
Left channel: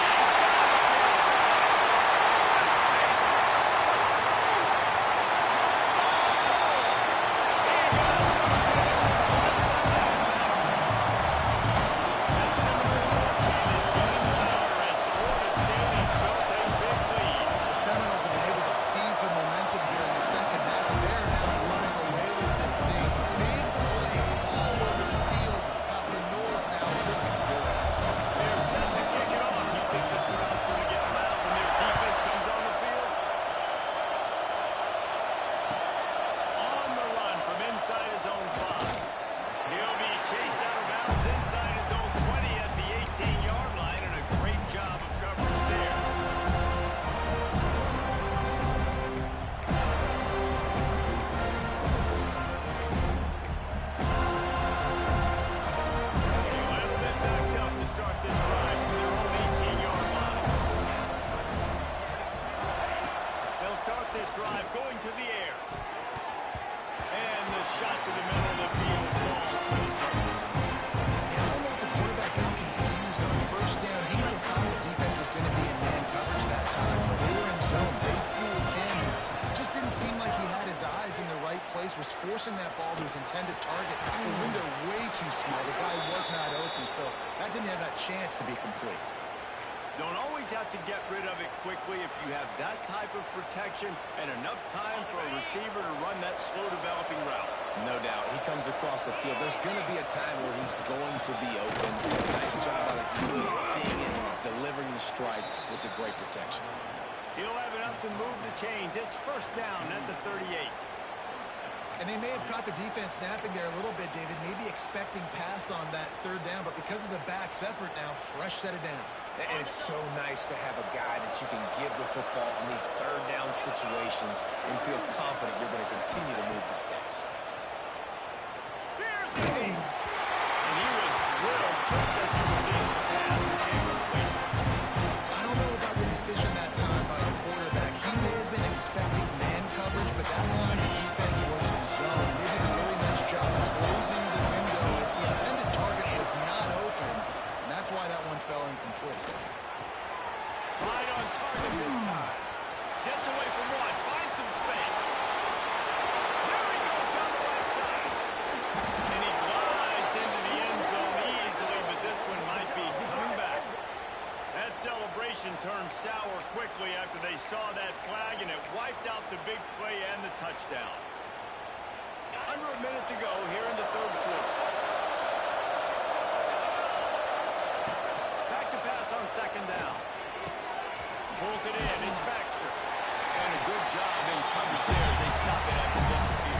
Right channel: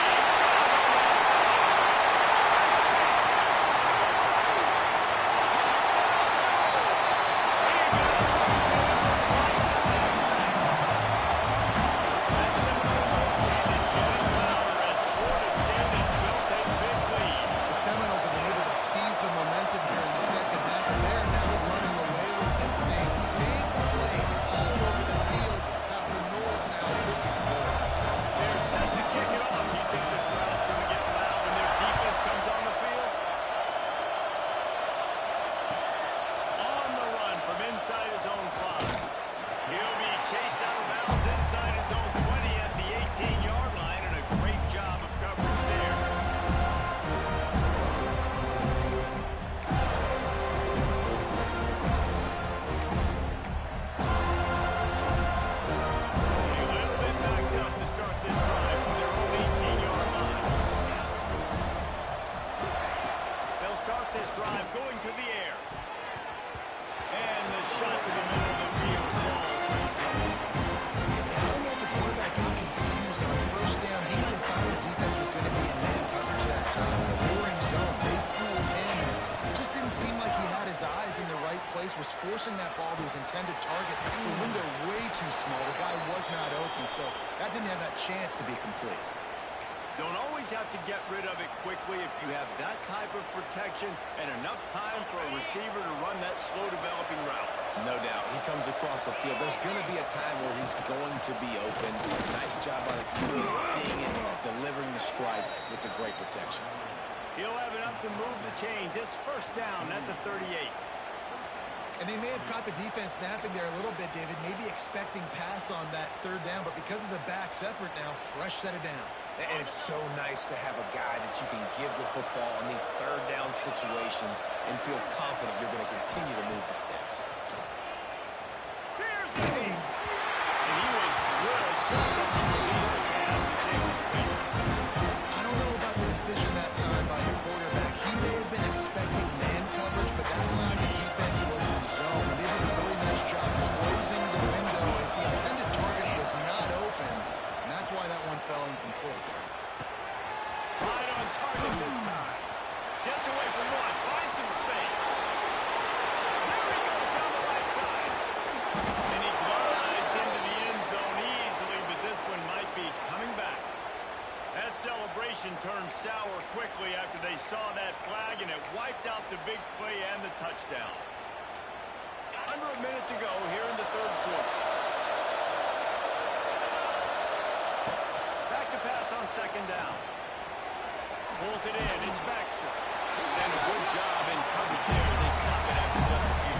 He's got it on the outside. Open space. Touchdown, was forcing that ball to his intended target. The window way too small. The guy was not open, so that didn't have that chance to be complete. Don't always have to get rid of it quickly if you have that type of protection and enough time for a receiver to run that slow-developing route. No doubt. He comes across the field. There's going to be a time where he's going to be open. Nice job by the QB seeing it, delivering the strike with the great protection. He'll have enough to move the chains. It's first down at the 38. And they may have caught the defense napping there a little bit, David, maybe expecting pass on that third down, but because of the back's effort now, fresh set of downs. And it's so nice to have a guy that you can give the football on these third down situations and feel confident you're going to continue to move the sticks. Here's the hit. And he was drilled just as he released the pass. It's incomplete. I don't know about the decision that time by the quarterback. He may have been expecting man coverage, but that time the defense was in zone. And they did a really nice job closing the window. The intended target was not open, and that's why that one fell incomplete. Right on target this time. Gets away from one. Finds some space. There he goes down the right side. And he glides into the end zone easily, but this one might be coming back. That celebration turned sour quickly after they saw that flag, and it wiped out the big play and the touchdown. Under a minute to go here in the third quarter. Back to pass on second down. Pulls it in. It's Baxter. And a good job in coverage there. They stop it after just a few.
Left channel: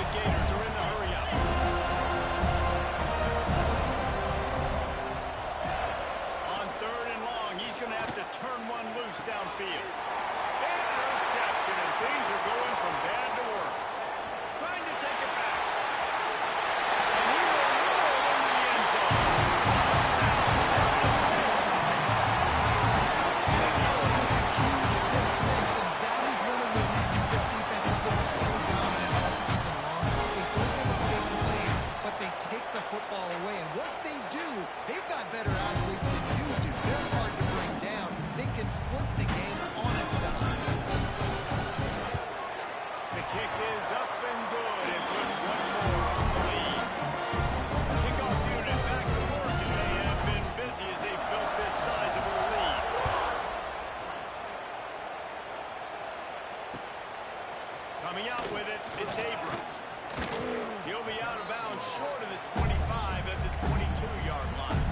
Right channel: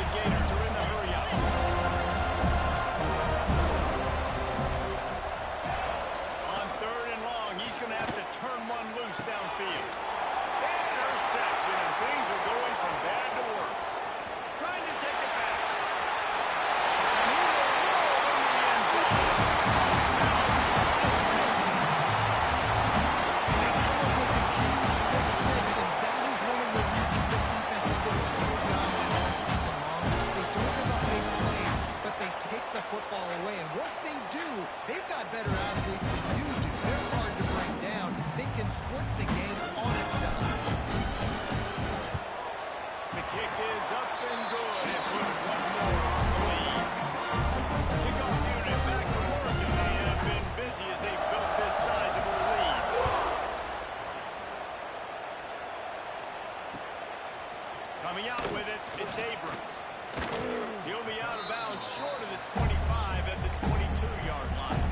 The Gators are in the hurry-up. On third and long, he's going to have to turn one loose downfield. Interception, and things are going from bad to worse. Trying to take it back. And he will roll into the end zone. Touchdown, bonus field. And they come up with a huge pick six, and that is one of the reasons this defense has been so dominant all season long. They don't give up big plays, but they take the football away. And once they do, they've got better athletes than you do. They're hard to bring down. They can flip the game on a dime. The kick is up and good, and put one more on the lead. Kickoff unit back to work, and they have been busy as they built this sizable lead. Coming out with it, it's Abrams. He'll be out of bounds short of the 25 at the 22-yard line.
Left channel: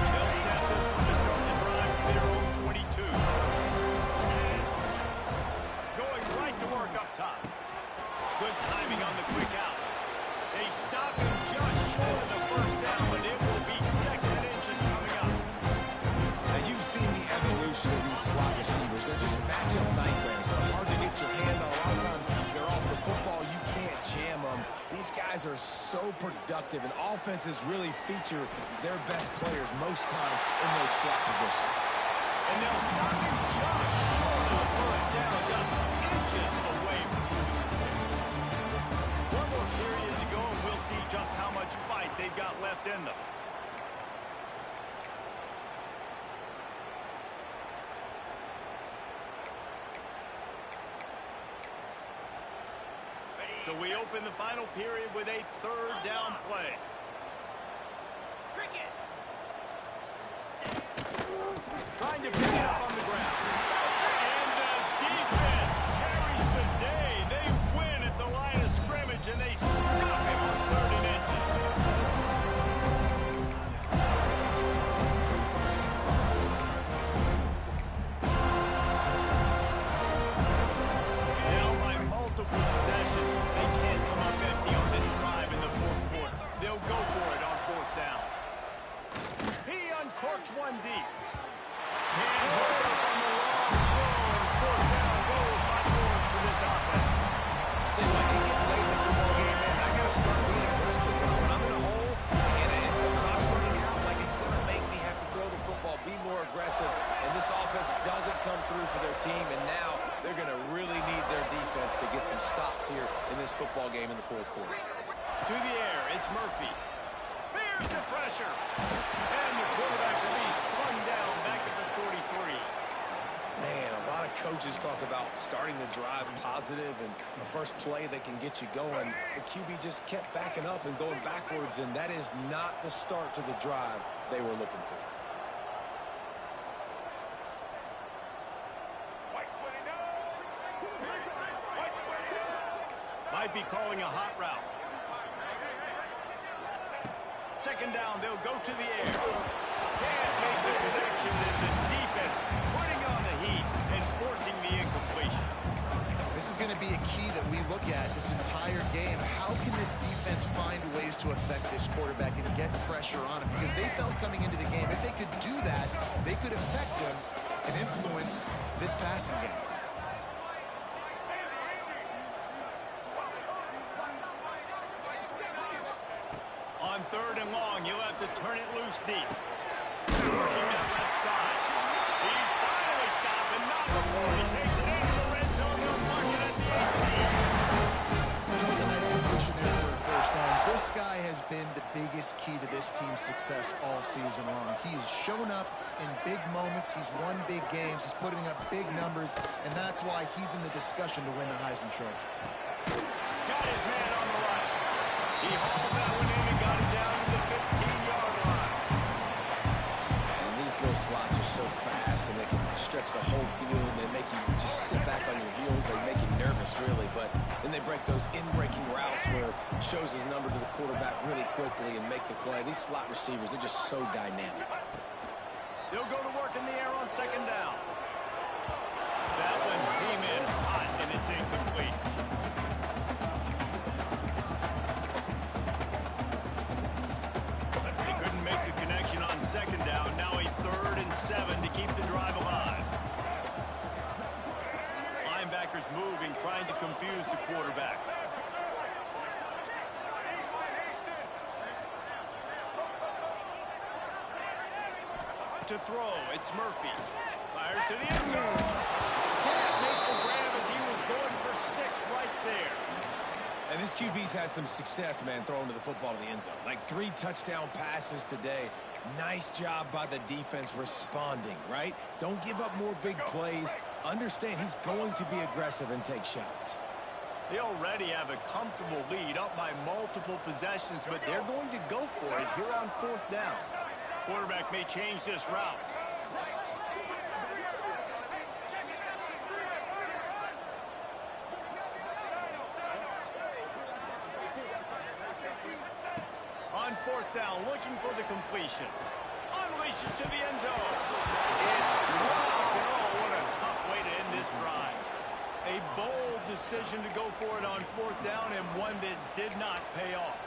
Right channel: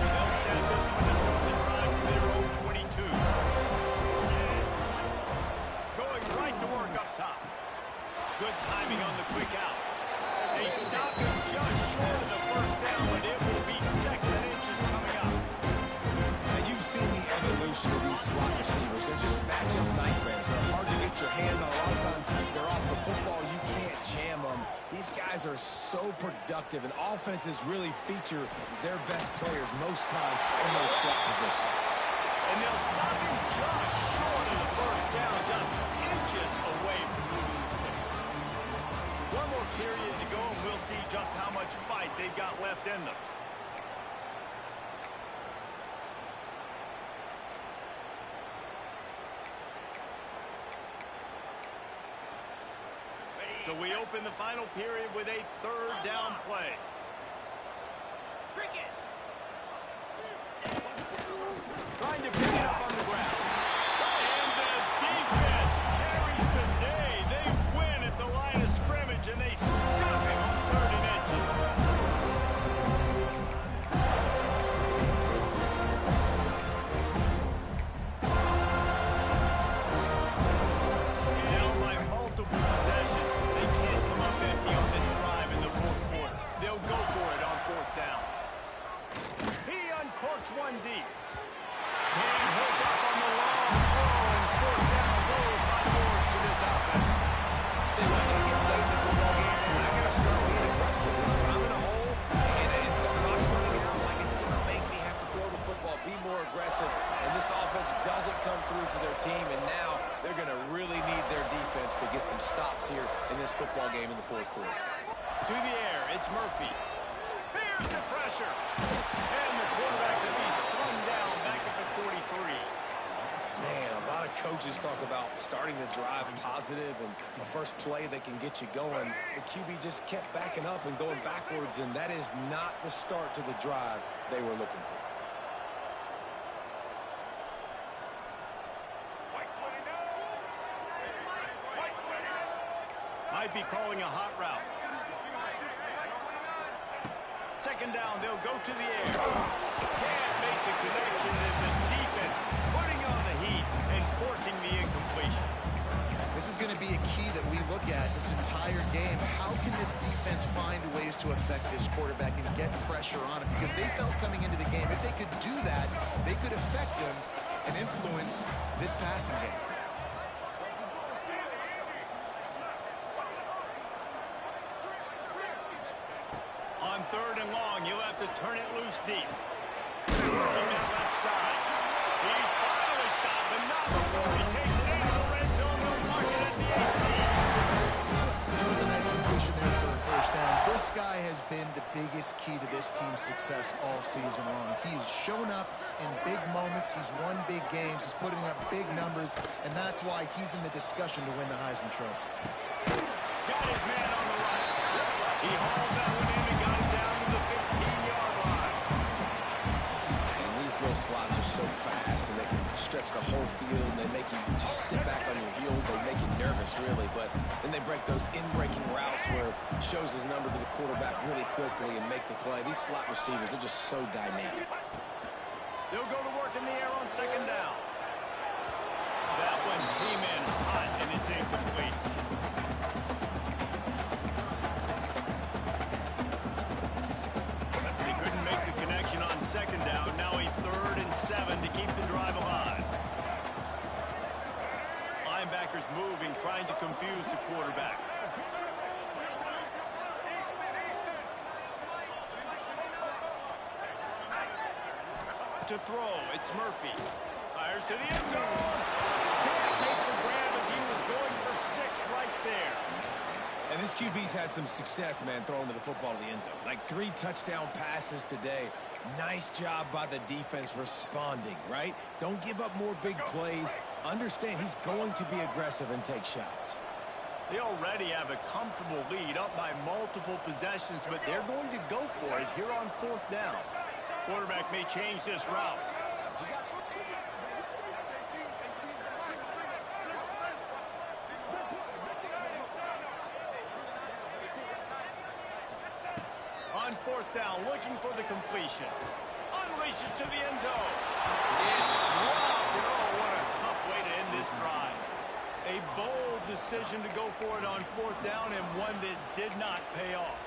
They'll snap this one to start the drive from their own 22. Going right to work up top. Good timing on the quick out. They stop him just short of the first down, but it will be second and inches coming up. Now, you've seen the evolution of these slot receivers. They're just matchup nightmares. They're hard to get your hand on. A lot of times, they're off the football. You can't jam them. These guys are so productive, and offenses really feature their best players most time in those slot positions. And they'll stop him just short of the first down, just inches away from moving the sticks. One more period to go, and we'll see just how much fight they've got left in them. So we open the final period with a third down play. Trying to pick it up on the ground. And the defense carries the day. They win at the line of scrimmage, and they stop him on third and inches. Down by multiple possessions. They can't come up empty on this drive in the fourth quarter. They'll go for it on fourth down. He uncorks one deep. Can't hook up on the long throw, and fourth down goes by George for this offense. Tell you what, it gets late in the football game, man. I got to start being aggressive. You know, when I'm in a hole and the clock's running out, like, it's going to make me have to throw the football, be more aggressive. And this offense doesn't come through for their team, and now they're going to really need their defense to get some stops here in this football game in the fourth quarter. To the air, it's Murphy. Here's the pressure. And the quarterback will be slung down back at the 43. Man, a lot of coaches talk about starting the drive positive and the first play that can get you going. The QB just kept backing up and going backwards, and that is not the start to the drive they were looking for. Might be calling a hot route. Second down, they'll go to the air. Can't make the connection, and the defense putting on the heat and forcing the incompletion. This is going to be a key that we look at this entire game. How can this defense find ways to affect this quarterback and get pressure on him? Because they felt coming into the game, if they could do that, they could affect him and influence this passing game. On third and long, you'll have to turn it loose deep. Working that left side. He's finally stopped, but not before he takes it into the red zone. They'll mark it at the 18. That was a nice completion there for a first down. This guy has been the biggest key to this team's success all season long. He's shown up in big moments. He's won big games. He's putting up big numbers, and that's why he's in the discussion to win the Heisman Trophy. Got his man on the right. He hauled that one in and got it down to the 15-yard line. And these little slots are so fast, and they can stretch the whole field. They make you just sit back on your heels. They make you nervous, really. But then they break those in-breaking routes where it shows his number to the quarterback really quickly and make the play. These slot receivers, they're just so dynamic. They'll go to work in the air on second down. That one came in hot, and it's incomplete. On second down, now a 3rd and 7 to keep the drive alive. Linebackers moving, trying to confuse the quarterback. To throw, it's Murphy. Fires to the end zone. Can't make the grab as he was going for 6 right there. And this QB's had some success, man, throwing to the football to the end zone. Like 3 touchdown passes today. Nice job by the defense responding, right? Don't give up more big plays. Understand he's going to be aggressive and take shots. They already have a comfortable lead up by multiple possessions, but they're going to go for it here on 4th down. Quarterback may change this route. On 4th down, looking for the completion. Unleashes to the end zone. It's dropped, and oh, what a tough way to end this drive. A bold decision to go for it on 4th down, and one that did not pay off.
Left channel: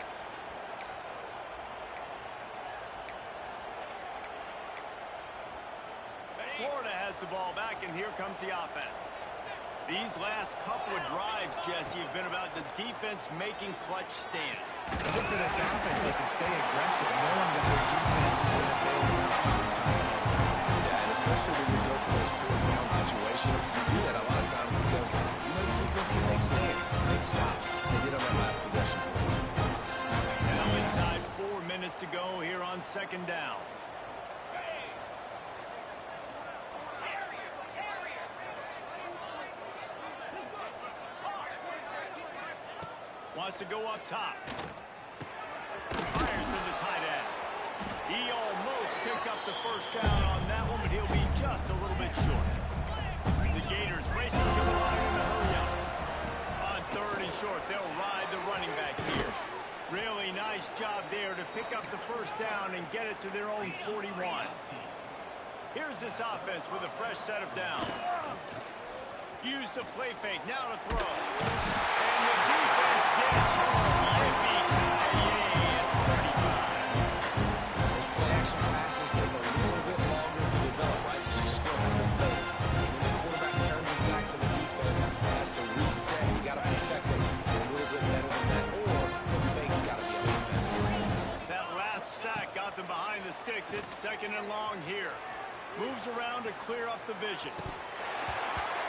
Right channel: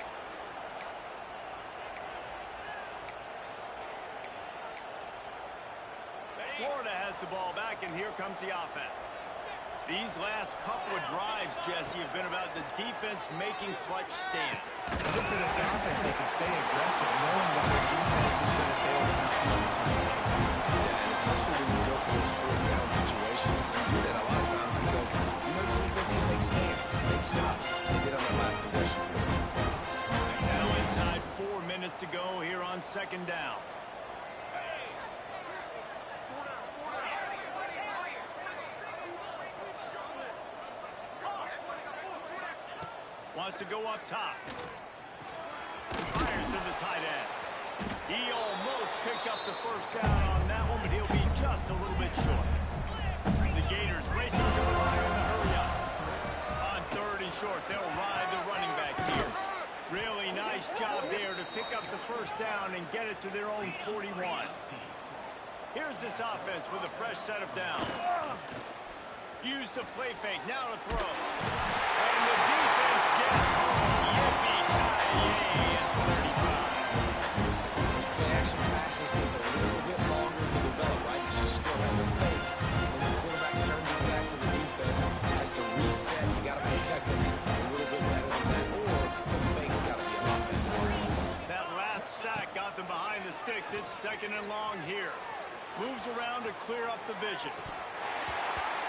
Florida has the ball back, and here comes the offense. These last couple of drives, Jesse, have been about the defense making clutch stand. Good for this offense. They can stay aggressive, knowing that their defense is going to bail them out time and time again. Yeah, and especially when you go for those 4th down situations, you do that a lot of times because you know the defense can make stands, make stops. They did on that last possession for them. Now inside 4 minutes to go here on second down. Wants to go up top. Fires to the tight end. He almost picked up the first down on that one, but he'll be just a little bit short. The Gators racing to the line in a hurry up. On 3rd and short, they'll ride the running back here. Really nice job there to pick up the first down and get it to their own 41. Here's this offense with a fresh set of downs. Use the play fake, now to throw. And the defense gets home. Yippee-ki-yay at 35. Those play-action passes take a little bit longer to develop, right? Because you still have the fake. And then the quarterback turns his back to the defense, has to reset. You got to protect him a little bit better than that, or the fake's got to be a lot better. That last sack got them behind the sticks. It's 2nd and long here. Moves around to clear up the vision.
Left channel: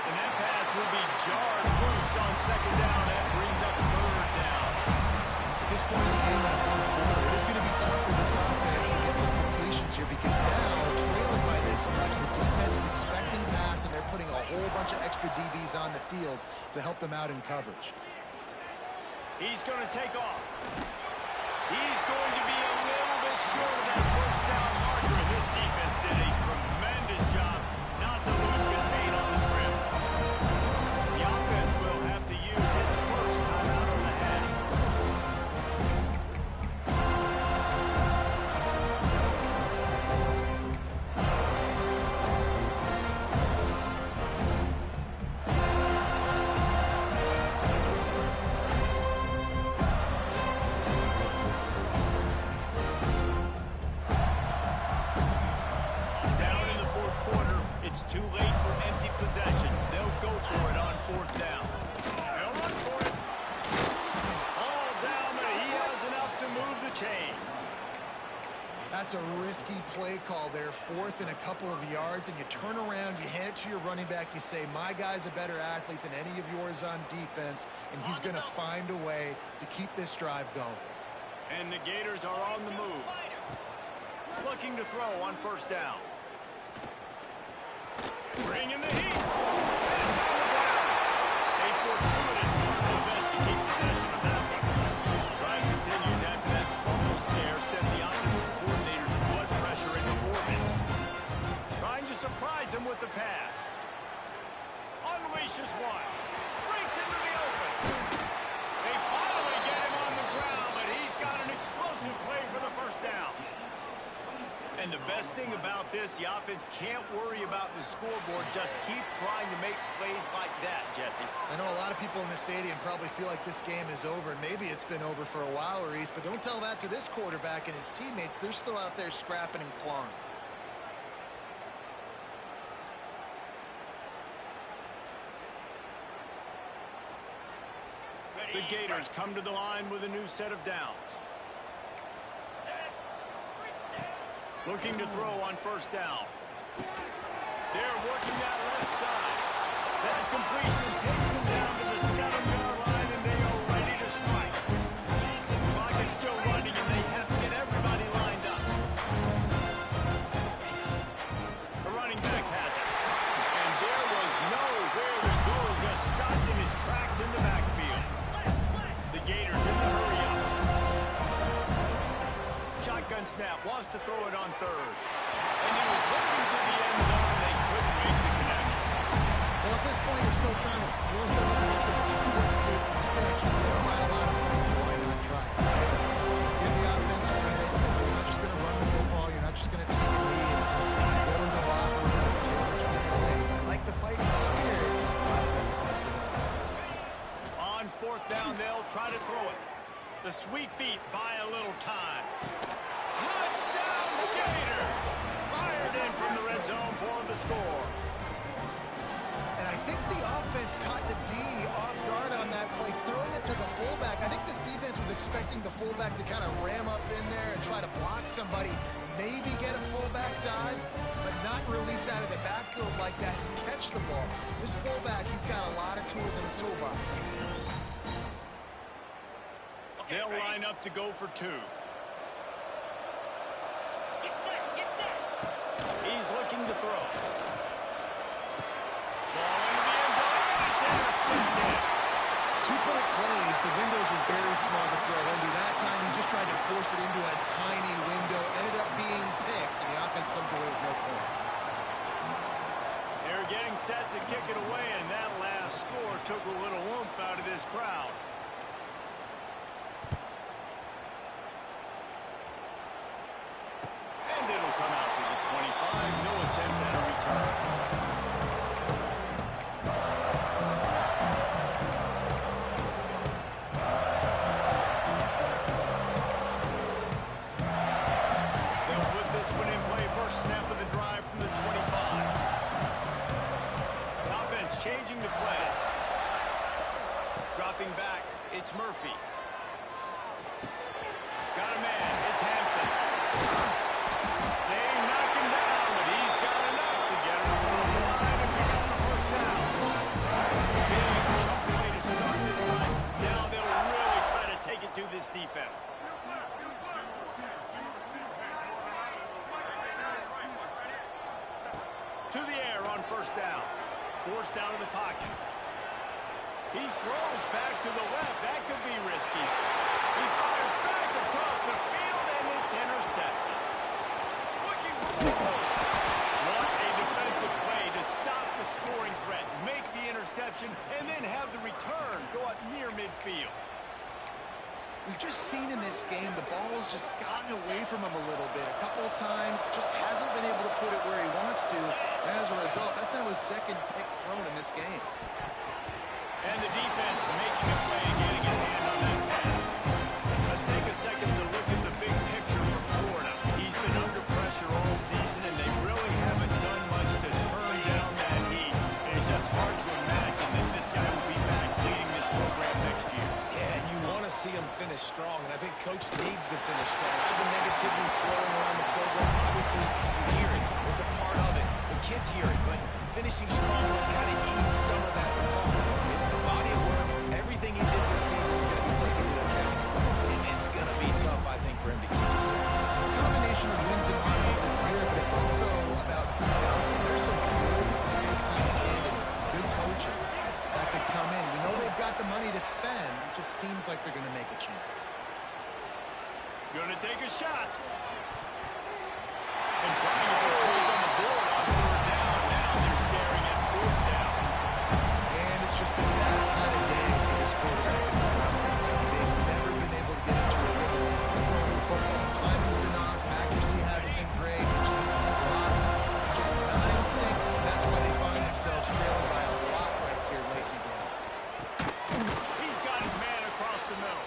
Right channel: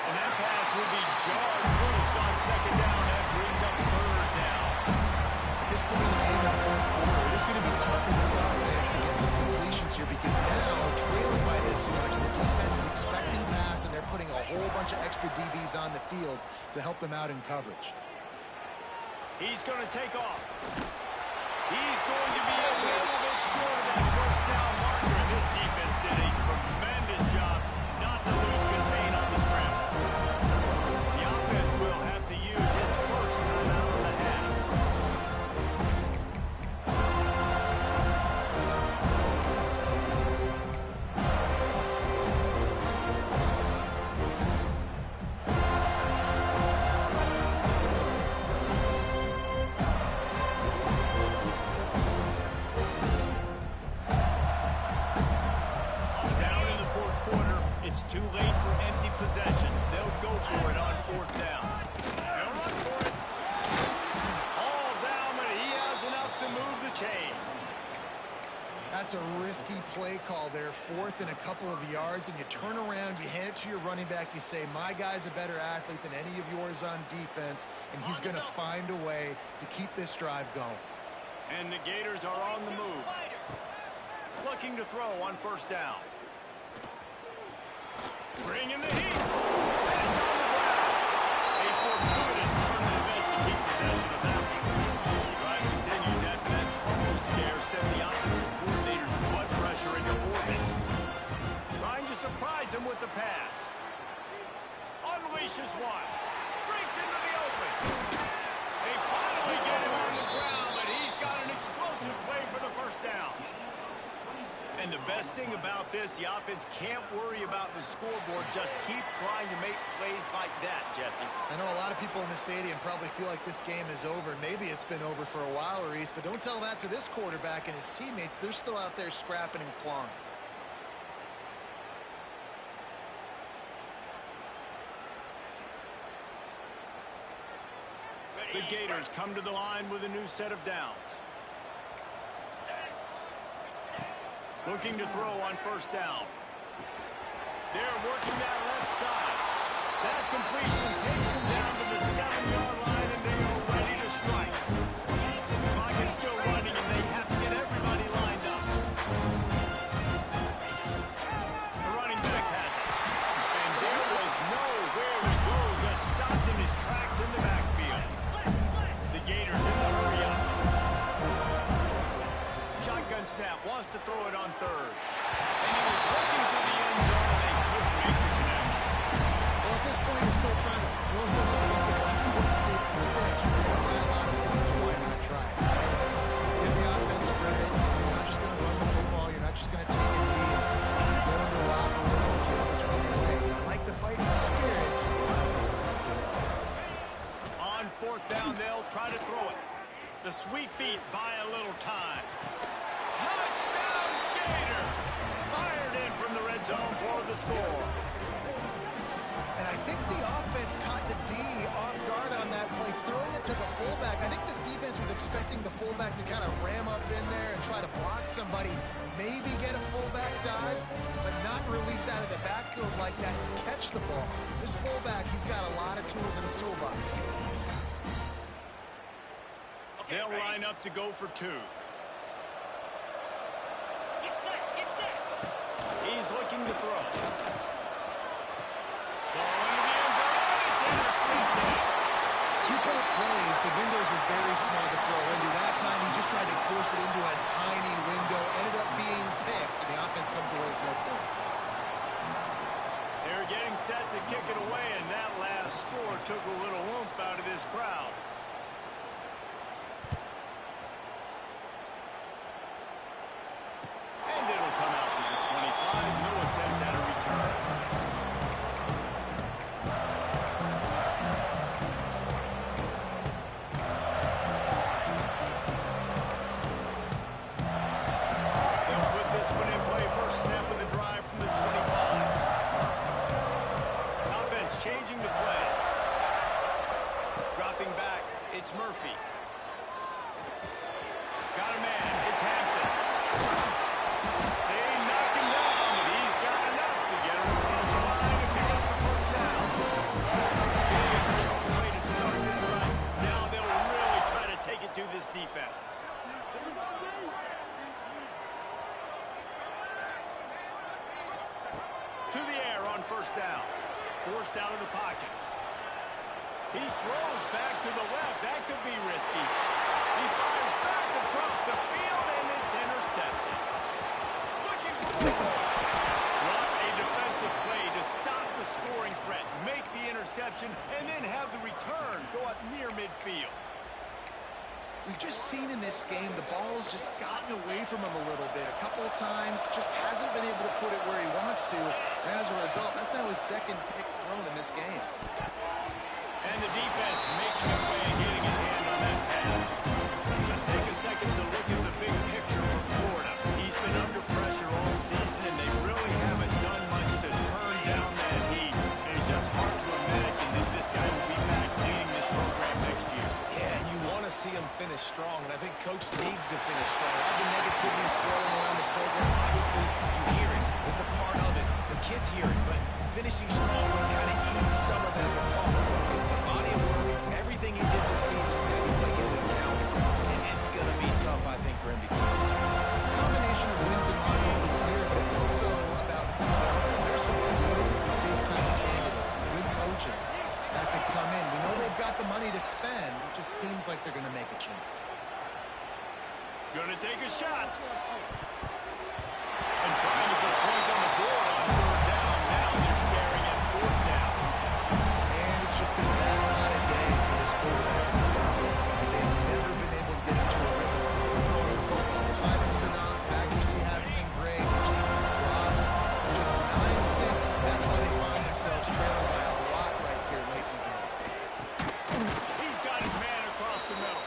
And that pass will be jarred loose on second down. That brings up 3rd down. I this point in the game in the fourth quarter, it is going to be tough for this offense to get some completions here because now, trailing by this much, the defense is expecting pass, and they're putting a whole bunch of extra DBs on the field to help them out in coverage. He's going to take off. He's going to be a little bit short of that first down marker, and this defense did a tremendous job not to lose contain on the scramble. The offense will have to use its first timeout of the half. It's too late for empty possessions. They'll go for it on fourth down. They'll run for it. All down, but he has enough to move the chains. That's a risky play call there, fourth and a couple of yards, and you turn around, you hand it to your running back, you say, my guy's a better athlete than any of yours on defense, and he's going to find a way to keep this drive going. And the Gators are on the move. Looking to throw on first down. Bringing the heat, and it's on the ground. A fortuitous turn of events to keep possession of that one. The drive continues after that fumble scare sent the offensive coordinator's blood pressure into orbit. Trying to surprise him with the pass. Unleashes one. Breaks into the open. They finally get him on the ground, but he's got an explosive play for the first down. And the best thing about this, the offense can't worry about the scoreboard. Just keep trying to make plays like that, Jesse. I know a lot of people in the stadium probably feel like this game is over. Maybe it's been over for a while, Reese, but don't tell that to this quarterback and his teammates. They're still out there scrapping and clawing. The Gators come to the line with a new set of downs. Looking to throw on first down. They're working that left side. That completion takes them down to the 7-yard line, and they are ready to strike. The clock is still running, and they have to get everybody lined up. The running back has it. And there was nowhere to go, just stopped in his tracks in the backfield. The Gators in the hurry up. Shotgun snap, wants to throw it on third. And he was looking to the end zone, and they couldn't make the connection. Well, at this point, you're still trying to throw stuff up against the most important safety stick. You're going to buy a lot of points, so why not try it, right? Give the offense credit. You're not just going to run the football. You're not just going to take a knee and get into the locker room and tail between your legs. I like the fighting spirit, just not the heart today. On fourth down, they'll try to throw it. The sweet feet buy a little time. Touchdown, Gator! Fired in from the red zone for the score. And I think the offense caught the D off guard on that play, throwing it to the fullback. I think this defense was expecting the fullback to kind of ram up in there and try to block somebody, maybe get a fullback dive, but not release out of the backfield like that and catch the ball. This fullback, he's got a lot of tools in his toolbox. They'll line up to go for two. Get set. He's looking to throw. Ball into the end zone, and it's intercepted. 2-point plays, the windows were very small to throw into. That time, he just tried to force it into a tiny window, ended up being picked, and the offense comes away with no points. They're getting set to kick it away, and that last score took a little oomph out of this crowd. And it'll come out to the 25. No attempt at a return. They'll put this one in play. First snap of the drive from the 25. Offense changing the play. Dropping back, it's Murphy. Got a man, it's Hampton. They knock him down, but he's got enough to get him across the line and pick up the first down. Big chunk play to start this drive. Now they'll really try to take it to this defense. defense. To the air on first down. Forced out of the pocket. He throws back to the left. That could be risky. He fires back across the field, and it's intercepted. Looking for more. What a defensive play to stop the scoring threat, make the interception, and then have the return go up near midfield. We've just seen in this game the ball's just gotten away from him a little bit. A couple of times, just hasn't been able to put it where he wants to. And as a result, that's now his second pick thrown in this game. And the defense making a play, getting a hand on that pass. Let's take a second to look at the big picture for Florida. He's been under pressure all season, and they really haven't done much to turn down that heat. And it's just hard to imagine that this guy will be back leading this program next year. Yeah, and you want to see him finish strong, and I think Coach needs to finish strong. All the negativity swirling around the program, obviously, you hear it. It's a part of it. The kids hear it, but finishing strong would kind of ease some of that ball. It's the body of work. Everything he did this season is going to be taken into account, and it's going to be tough, I think, for him to keep his job. It's a combination of wins and losses this year, but it's also about who's out there. There's some good, big-time candidates, good coaches that could come in. We know they've got the money to spend. It just seems like they're going to make a change. Gonna take a shot. And trying to put points on the board on third down. Now they're staring at fourth down. And it's just been that kind of day for this quarterback in this offense, guys. They've never been able to get into a rhythm throwing the football. Timing's been off. Accuracy hasn't been great. We've seen some drops. They're just not in sync. That's why they find themselves trailing by a lot right here late in the game. He's got his man across the middle.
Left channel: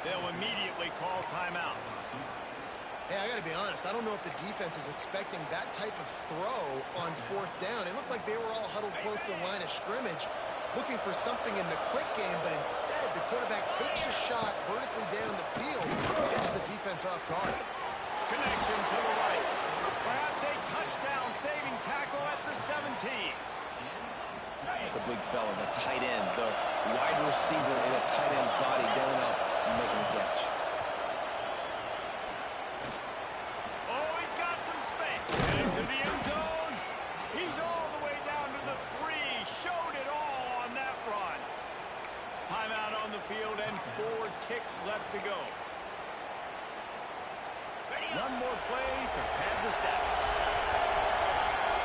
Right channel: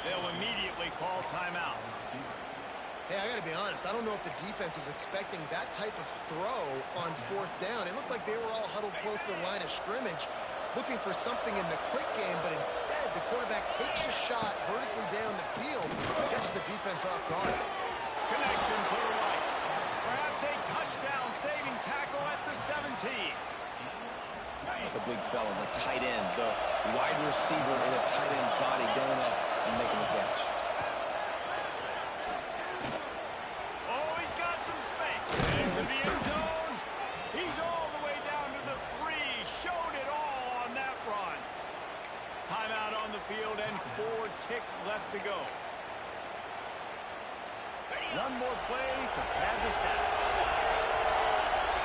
They'll immediately call timeout. Hey, I got to be honest. I don't know if the defense was expecting that type of throw on fourth down. It looked like they were all huddled close to the line of scrimmage, looking for something in the quick game, but instead the quarterback takes a shot vertically down the field, gets the defense off guard. Connection to the right. Perhaps a touchdown-saving tackle at the 17. The big fella, the tight end, the wide receiver in a tight end's body going up and making the catch. Oh, he's got some space. Into the end zone. He's all the way down to the 3. Showed it all on that run. Timeout on the field and 4 ticks left to go. One more play to pad the stats.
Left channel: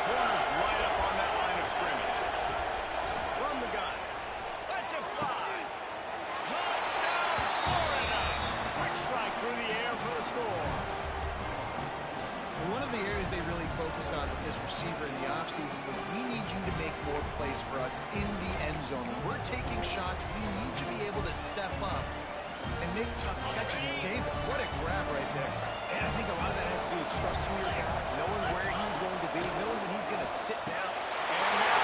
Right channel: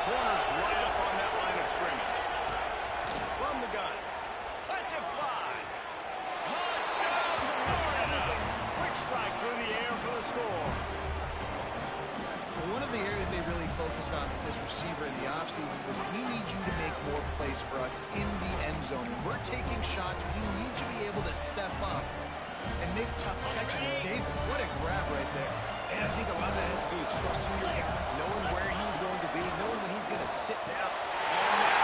Corners right up on that line of scrimmage. From the gun. Lets it fly. Touchdown, Florida. Quick strike through the air for the score. One of the areas they really focused on with this receiver in the offseason was we need you to make more plays for us in the end zone. When we're taking shots, we need you to be able to step up and make tough catches. And David, what a grab right there. And I think a lot of that has to do with trusting your guy, knowing where he's going to be, knowing when he's going to sit down. And now